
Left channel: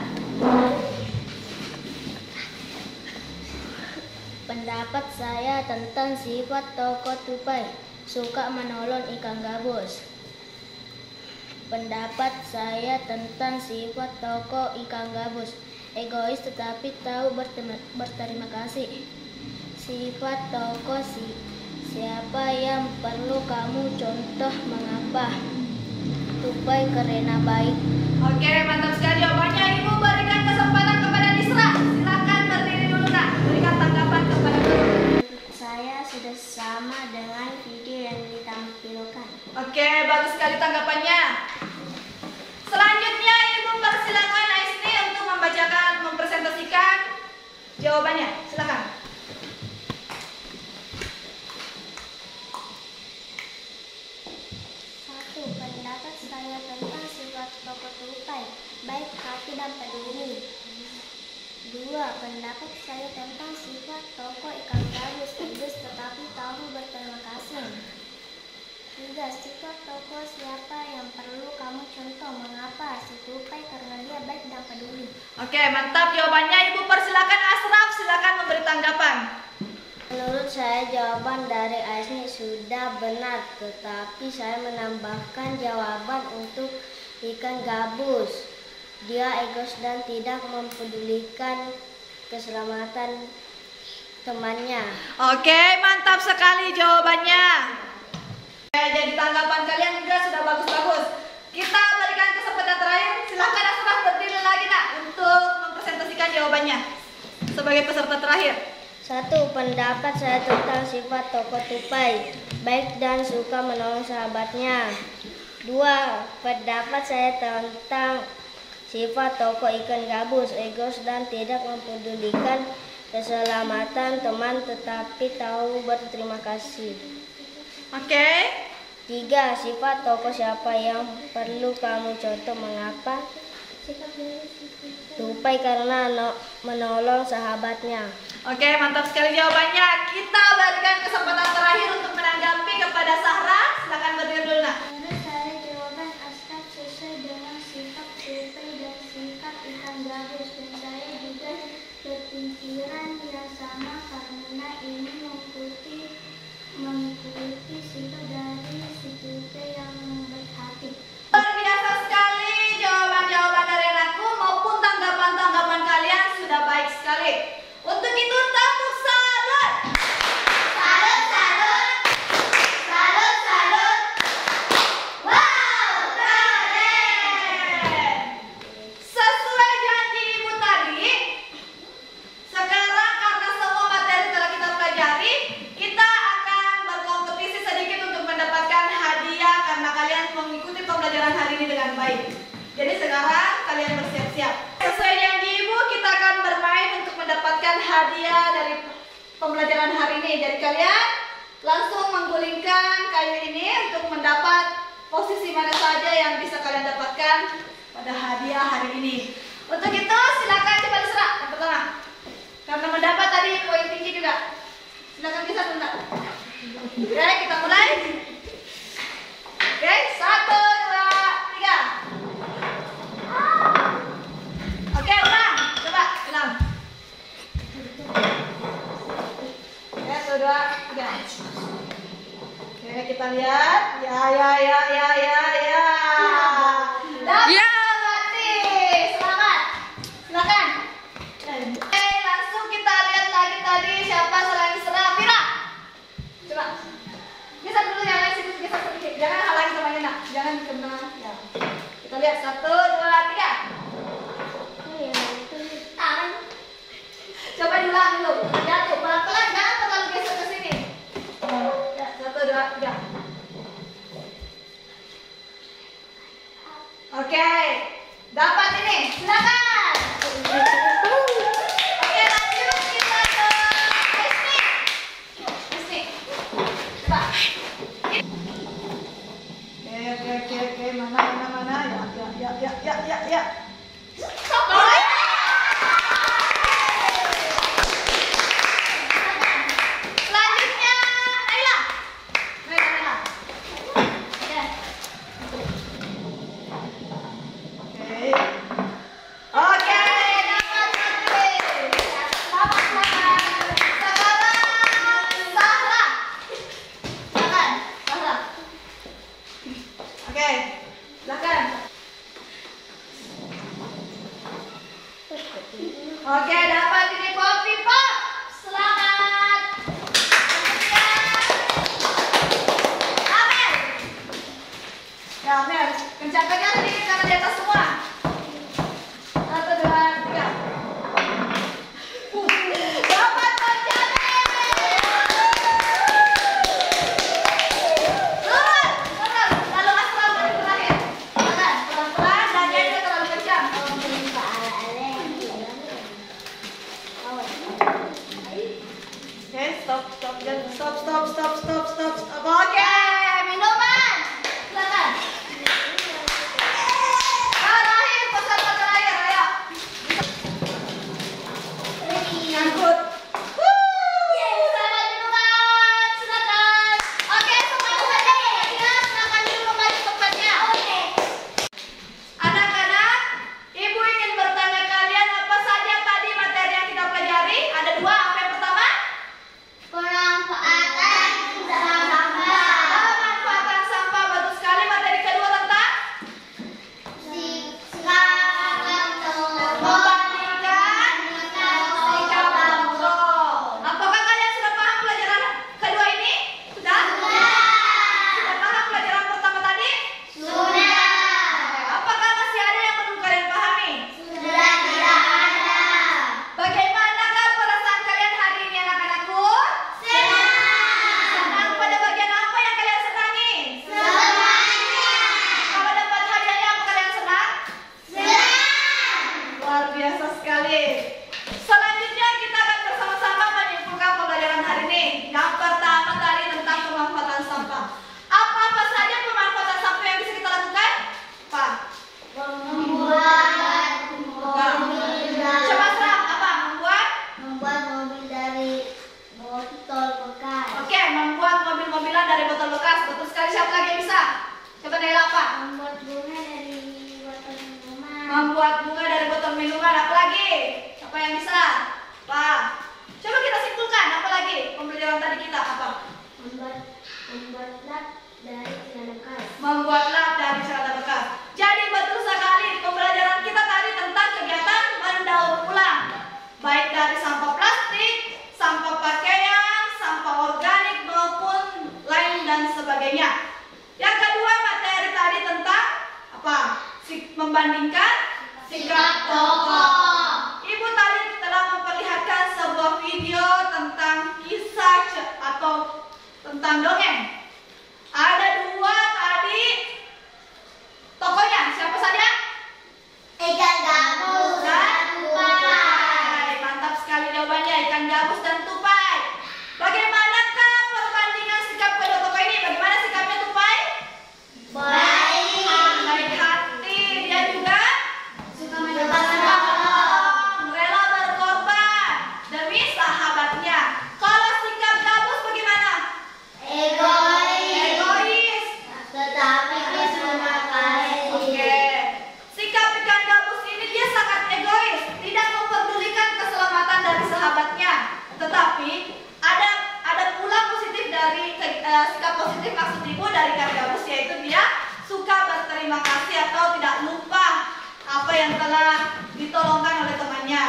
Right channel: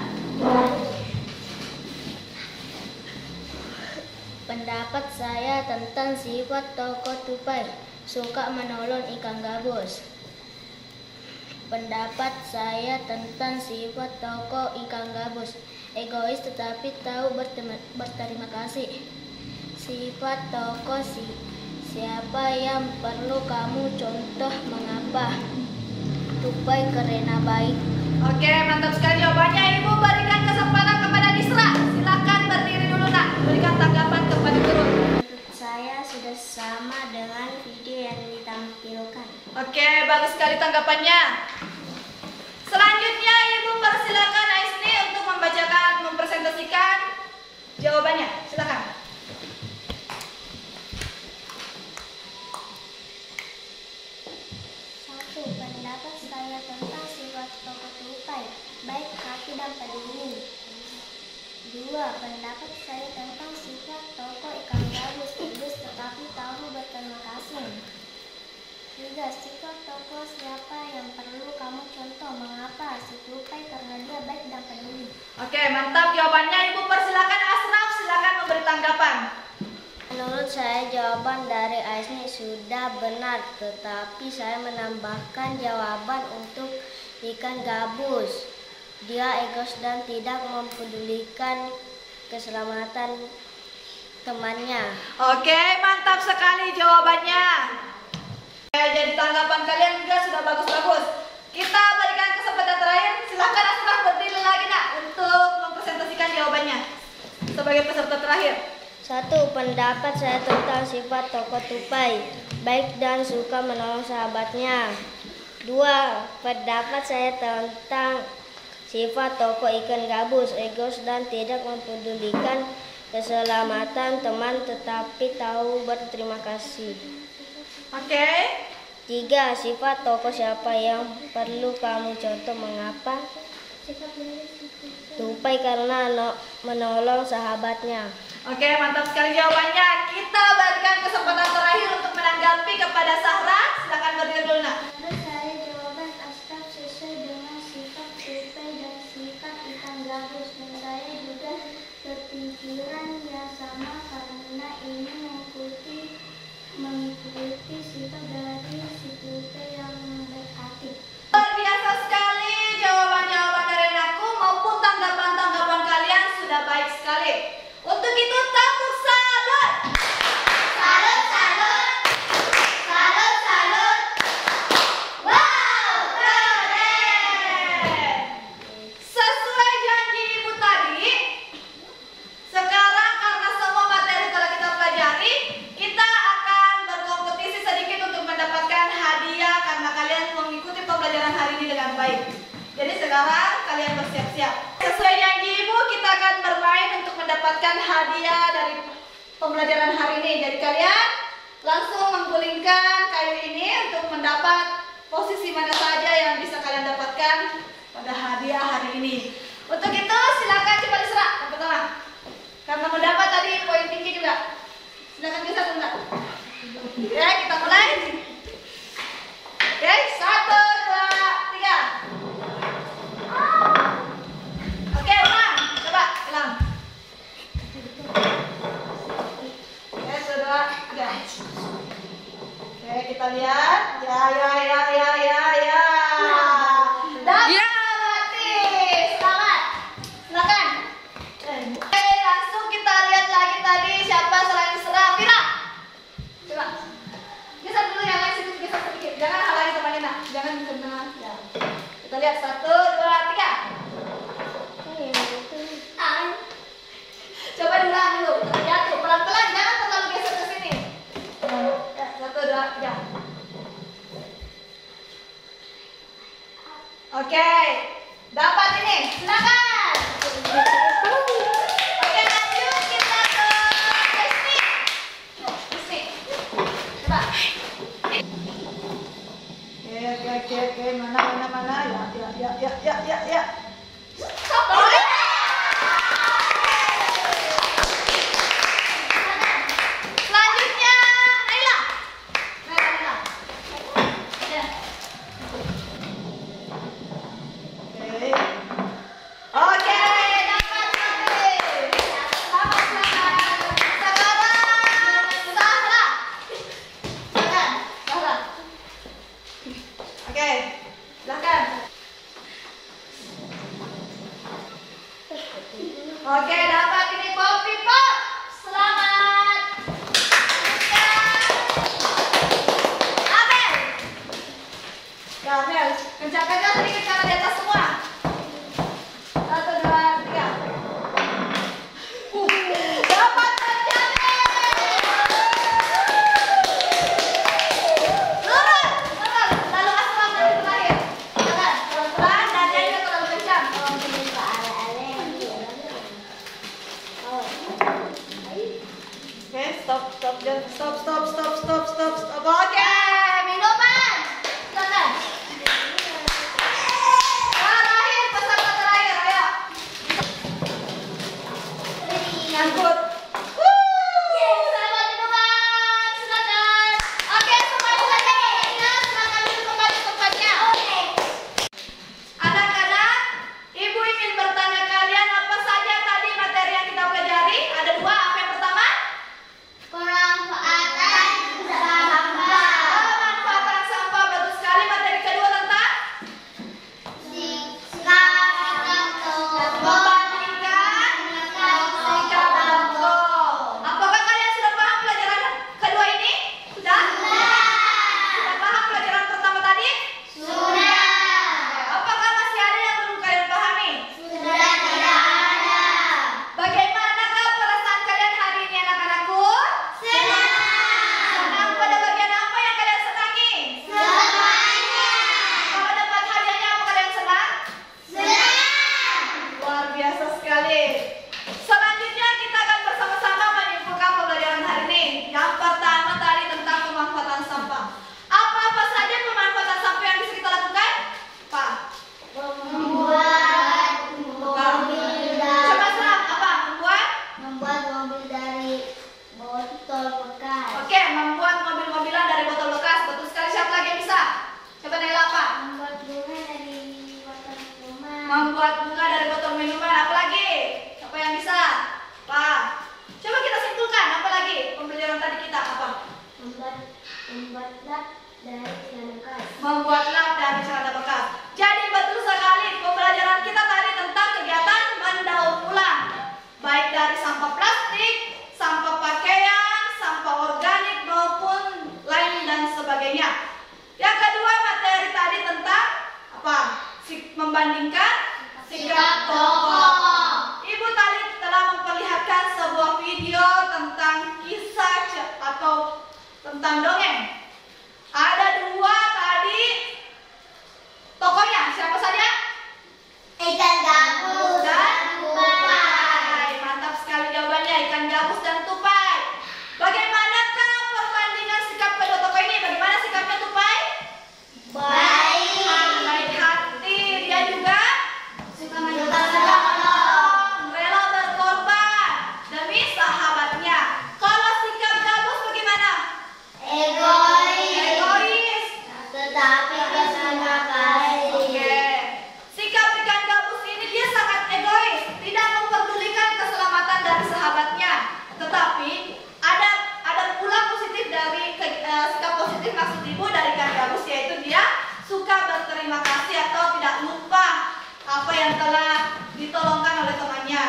Pendapat saya tentang sifat tokoh Tupai, suka menolong ikan gabus. Pendapat saya tentang sifat tokoh ikan gabus, egois tetapi tahu berterima kasih. Sifat tokoh siapa yang perlu kamu contoh, mengapa? Tupai karena baik. Oke, mantap sekali jawabannya. Ibu berikan kesempatan kepada Nisra. Silakan berdiri dulu nak. Berikan tanggapan kepada Nurul. bagus sekali tanggapannya. Selanjutnya Ibu persilakan Aisni untuk mempresentasikan jawabannya. Silakan. Satu, pendapat saya tentang sifat tokoh tupai, baik hati dan peduli. Dua, pendapat saya tentang sifat tokoh ikan gabus, egois tetapi tahu berterima kasih. Tiga, sifat tokoh siapa yang perlu kamu contoh, mengapa? Si tupai karena dia baik dan peduli. Oke, mantap jawabannya. Ibu persilakan Asraf, silakan memberi tanggapan. Menurut saya jawaban dari Aisni sudah benar, tetapi saya menambahkan jawaban untuk ikan gabus. Dia egois dan tidak mempedulikan keselamatan temannya. Oke, mantap sekali jawabannya. Jadi tanggapan kalian juga sudah bagus-bagus. Kita berikan kesempatan terakhir. Silakan Asraf berdiri lagi nak untuk mempresentasikan jawabannya sebagai peserta terakhir. Satu, pendapat saya tentang sifat tokoh tupai, baik dan suka menolong sahabatnya. Dua, pendapat saya tentang sifat tokoh ikan gabus, egois dan tidak mempedulikan keselamatan teman tetapi tahu berterima kasih. Oke. Tiga, sifat tokoh siapa yang perlu kamu contoh, mengapa? Tupai karena menolong sahabatnya. Oke, mantap sekali jawabannya. Kita berikan kesempatan terakhir untuk menanggapi kepada Sahra. Silakan berdiri dulu nak. Menurut saya jawaban Asraf sesuai dengan sifat tupai dan sifat ikan gabus, dan saya juga berpikiran yang sama karena ini mengikuti sifat dari si tupai yang baik hati. Luar biasa sekali jawaban-jawaban dari anakku maupun tanggapan-tanggapan kalian sudah baik sekali. Untuk itu tepuk salut. Salut, salut. Salut, salut. Wow, keren. Sesuai janji Ibu tadi, sekarang karena semua materi telah kita pelajari, kita akan berkompetisi sedikit untuk mendapatkan hadiah karena kalian mengikuti pembelajaran hari ini dengan baik. Jadi sekarang kalian bersiap-siap. Sesuai janji Ibu, kita akan bermain untuk mendapatkan hadiah dari pembelajaran hari ini. Jadi kalian langsung menggulingkan kayu ini untuk mendapat posisi mana saja yang bisa kalian dapatkan pada hadiah hari ini. Untuk itu silakan coba diserah yang pertama. Karena mendapat tadi poin tinggi juga. Silakan bisa tunda. Oke, kita mulai. Oke, 1, 2, 3. Oke, ulang. Coba, ulang. Oke, 1, 2, 3. Oke, kita lihat. Ya. Dapat, Wati. Selamat. Silakan. Oke, langsung kita lihat lagi tadi siapa selain Isra. Vira. Coba. Geser dulu yang lain sedikit, geser sedikit. Jangan halangi temannya nak. Jangan kena. Ya. Kita lihat 1, 2, 3. Coba diulang dulu. Lihat tuh pelan-pelan, jangan terlalu geser ke sini. Ya, 1, 2, 3. Oke, dapat ini. Silakan. Oke, lanjut kita ke Kristi. Kristi, coba. Oke. Mana. Ya. Selanjutnya, Naila. Oke, dapat lagi. Dapat selamat. Sekarang Sahra. Oke, silakan. Oke, dapat ini Poppy Pop. Selamat. Amel. Ya, Amel. Kencangkan sedikit karena di atas semua. 1, 2, 3. Dapat terjadi. Turun. Lalu Asraf. Stop. Oke, minuman. Silakan. Terakhir, peserta terakhir, ayo. Ngangkut. Selamat minuman, silakan. Oke, semuanya saja tempatnya, silakan duduk kembali tempatnya. Anak-anak, ibu ingin bertanya kalian apa saja tadi materi yang kita pelajari. Ada dua, apa yang pertama? Pemanfaatan sampah, betul sekali. Materi kedua tentang membandingkan sikap contoh. Apakah kalian sudah paham pelajaran kedua ini? Sudah? Sudah paham pelajaran pertama tadi? Apakah masih ada yang belum kalian pahami? Bagaimanakah perasaan kalian hari ini, anak-anakku? Senang. Pada bagian apa yang kalian senangi? Kalau dapat hadiahnya apa kalian senang? Luar biasa sekali. Selanjutnya kita akan bersama-sama menyimpulkan pembelajaran hari ini. Yang pertama tadi tentang pemanfaatan sampah. Apa-apa saja pemanfaatan sampah yang bisa kita lakukan? Pak. Coba serap apa? Membuat mobil dari botol bekas. Oke, membuat mobil-mobilan dari botol bekas. Betul sekali. Siapa lagi yang bisa? Coba Naila apa? Membuat bunga dari botol minuman. Membuat bunga dari botol minuman. Apa lagi? Siapa yang bisa? Pak. Coba kita simpulkan. Apa lagi? Pembelajaran tadi kita apa? Membuat lap dari celana bekas. Membuat lap dari celana bekas. Jadi betul sekali pembelajaran kita tadi tentang kegiatan mendaur ulang. Baik dari sampah plastik, sampah pakaian, sampah organik maupun lain dan sebagainya. Yang kedua materi tadi tentang apa? Membandingkan sikap contoh. Ibu tadi telah memperlihatkan sebuah video tentang kisah atau tentang dongeng. Ada dua tadi tokohnya. Siapa saja? Ikan gabus Dan tupai. Mantap sekali jawabannya, ikan gabus dan tupai. Bagaimanakah perbandingan sikap kedua tokoh ini? Bagaimana sikapnya tupai? Baik hati. Dia juga suka menolong, rela berkorban demi sahabatnya. Kalau sikap gabus bagaimana? Egois. Tetapi terima kasih. Oke. Sikap ikan gabus ini dia sangat egois, tidak memperdulikan keselamatan dari sahabatnya. Tetapi ada pula positif dari sikap positif maksud ibu dari ikan gabus, yaitu dia suka berterima kasih atau tidak lupa apa yang telah ditolongkan oleh temannya.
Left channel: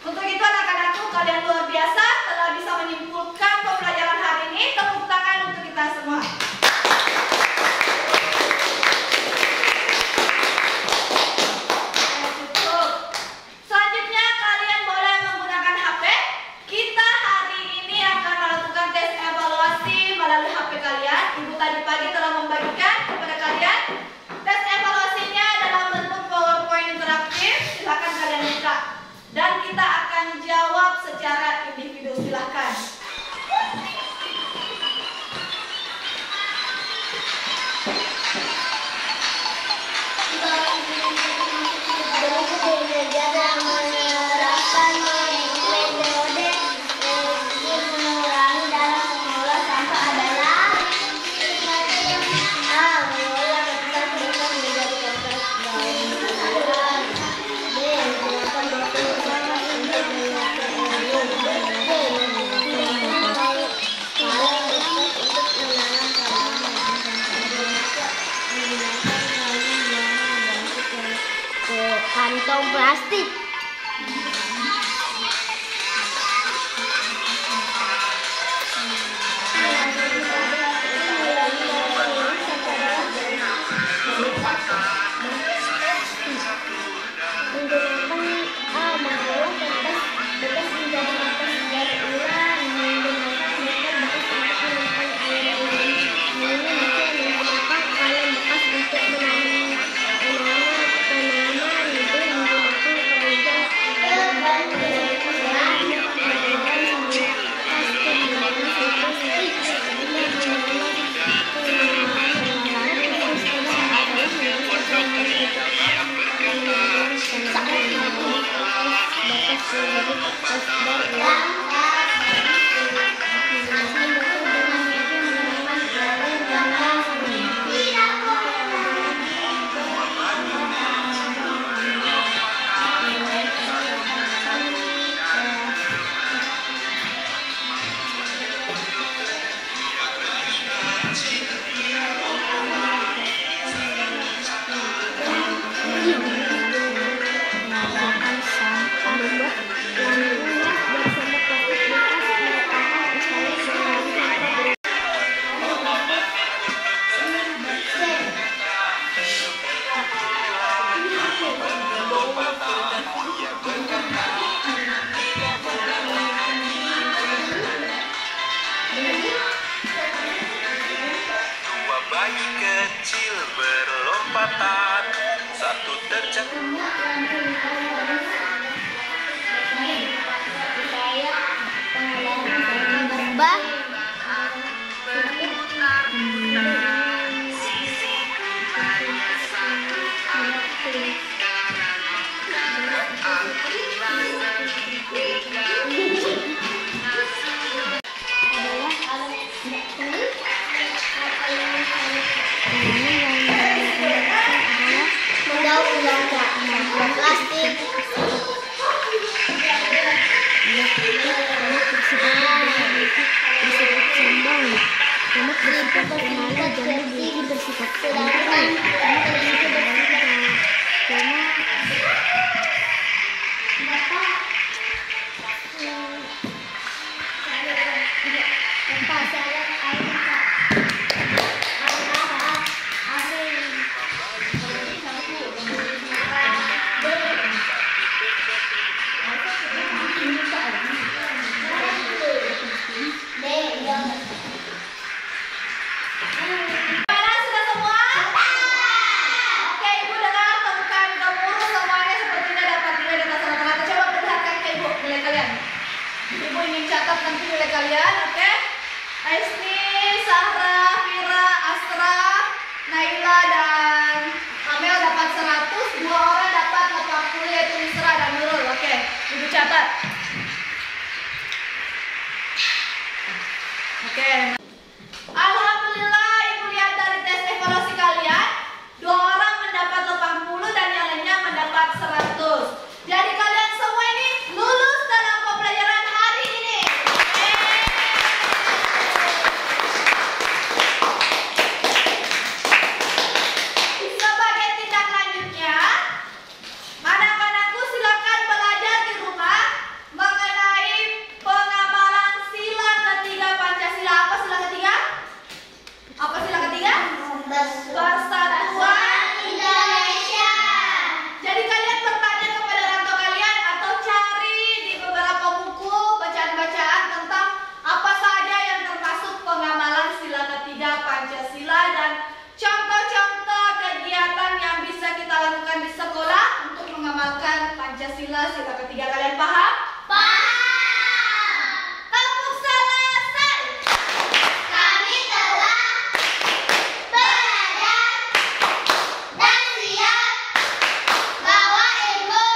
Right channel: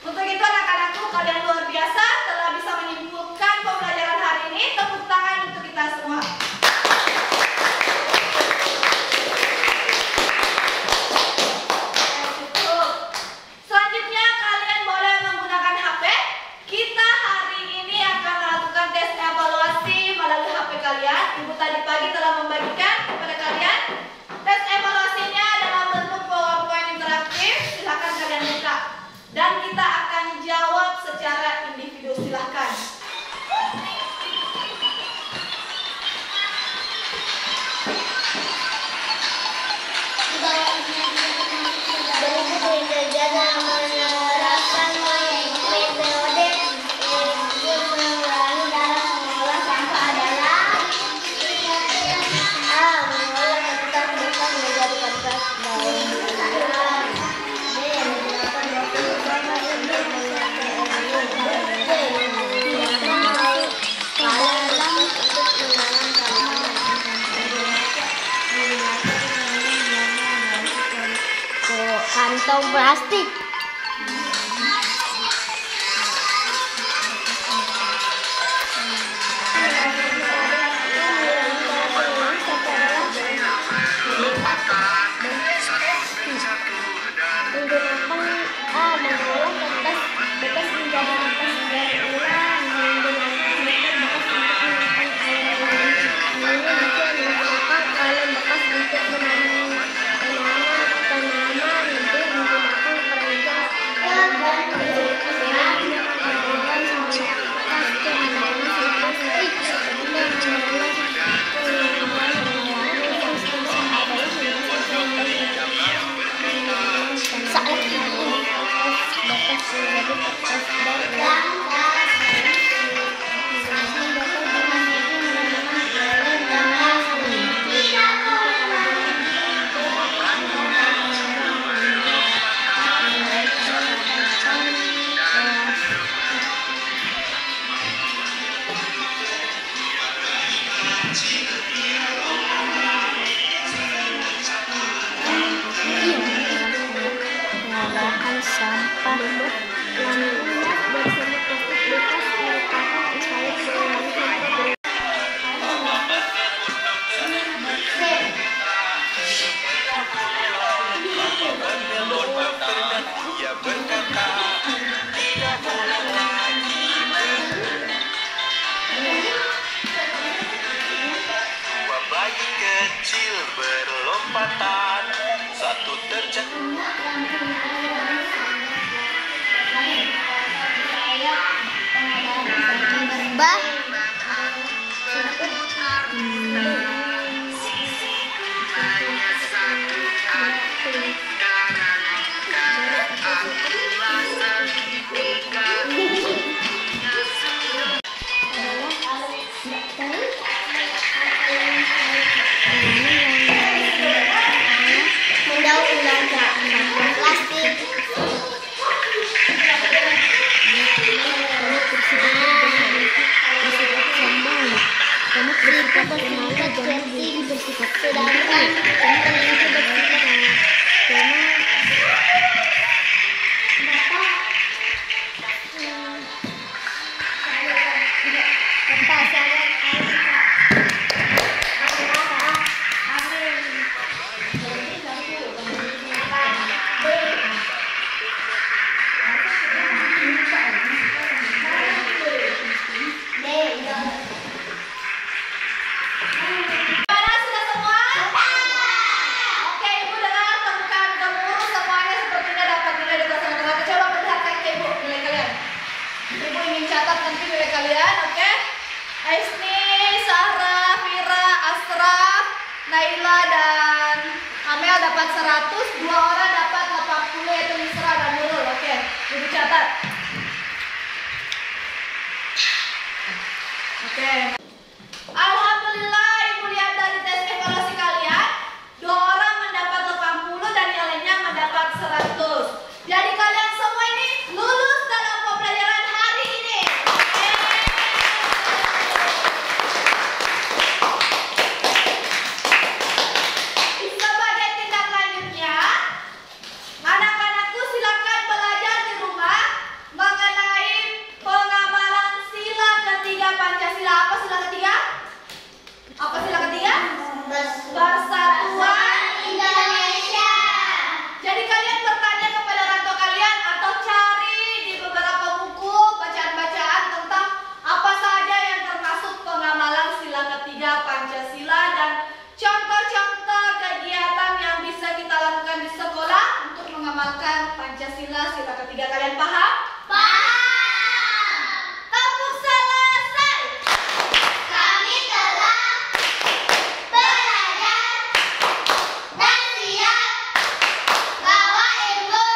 Untuk itu anak-anakku, kalian luar biasa telah bisa menyimpulkan pembelajaran hari ini. Tepuk tangan untuk kita semua. Selanjutnya kalian boleh menggunakan HP. Kita hari ini akan melakukan tes evaluasi melalui HP kalian. Ibu tadi pagi telah membagikan kepada kalian. Tes evaluasinya dalam bentuk PowerPoint interaktif. Silakan kalian buka. Dan kita akan jawab secara individu. Silakan. Kantong plastik. Mengolah kertas bekas menjadi kertas daur ulang, menggunakan meter bekas untuk menyimpan air ulang. Ini bisa menggunakan kaleng bekas untuk menanam tanaman, itu menggunakan keranjang Bayi kecil berlompatan, satu terjatuh. Bah. Plastik. Kamu bersifat pemalu, jangan jadi bersifat pendidikan. Ibu ingin catat nanti nilai kalian, oke? Aisni, Sarah, Fira, Astra, Naila, dan Amel dapat 100, 2 orang dapat 80 yaitu Misra dan Nurul, oke? Ibu catat. Oke. Alhamdulillah, Ibu lihat dari tes evaluasi kalian, 2 orang mendapat 80 dan yang lainnya mendapat 100. Jadi kalian semua ini lulus dalam pembelajaran hari ini. Sebagai tindak lanjutnya, anak-anakku silakan belajar di rumah mengenai pengamalan sila ketiga Pancasila. Apa sila ketiga? Apa sila ketiga? Persatuan Indonesia. Jadi kalian bertanya kepada orang tua kalian atau cari di beberapa buku bacaan-bacaan tentang apa saja yang termasuk pengamalan sila ketiga Pancasila dan contoh-contoh kegiatan yang bisa kita lakukan di sekolah untuk mengamalkan Pancasila sila ketiga. Kalian paham? Paham. Tepuk selesai. Kami telah belajar dan siap bawa ilmu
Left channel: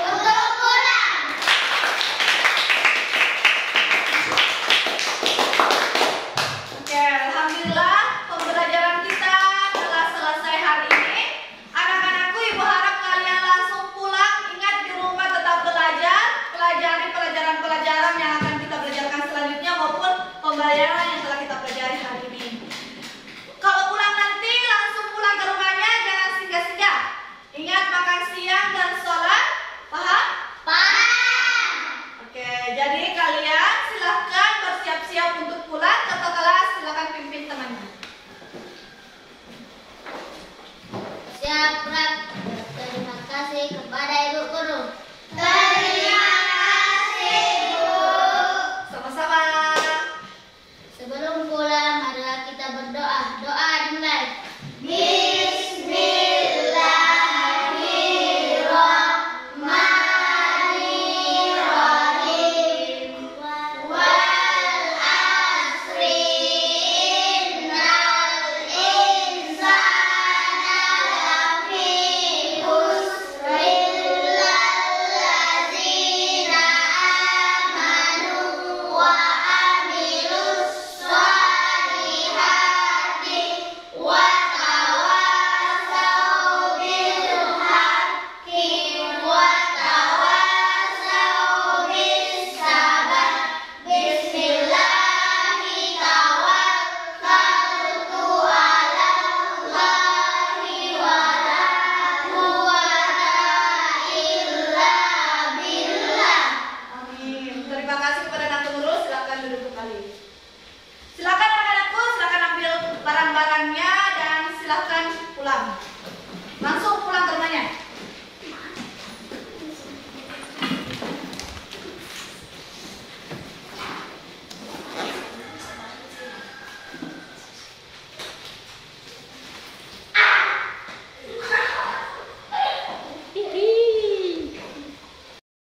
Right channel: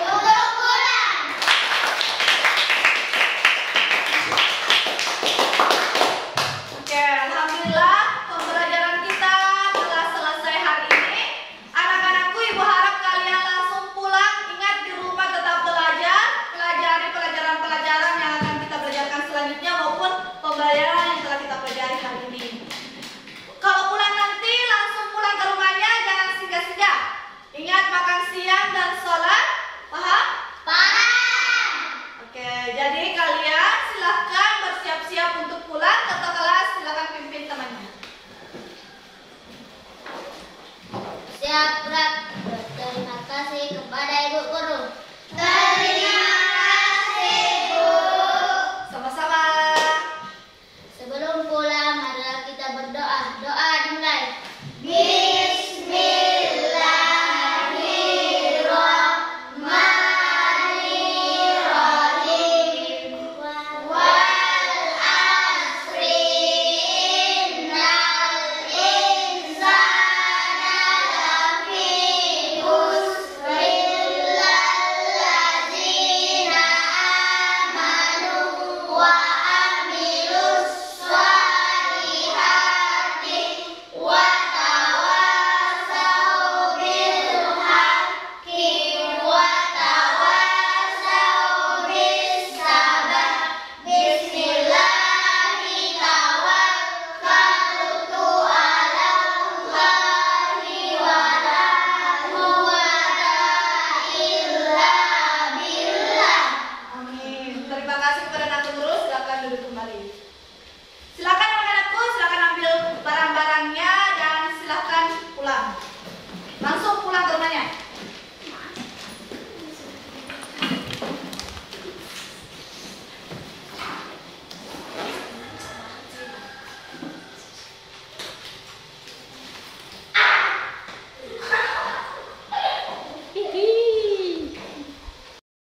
untuk pulang. Oke, alhamdulillah pembelajaran kita telah selesai hari ini. Anak-anakku, Ibu harap kalian langsung pulang. Ingat di rumah tetap belajar. semuanya.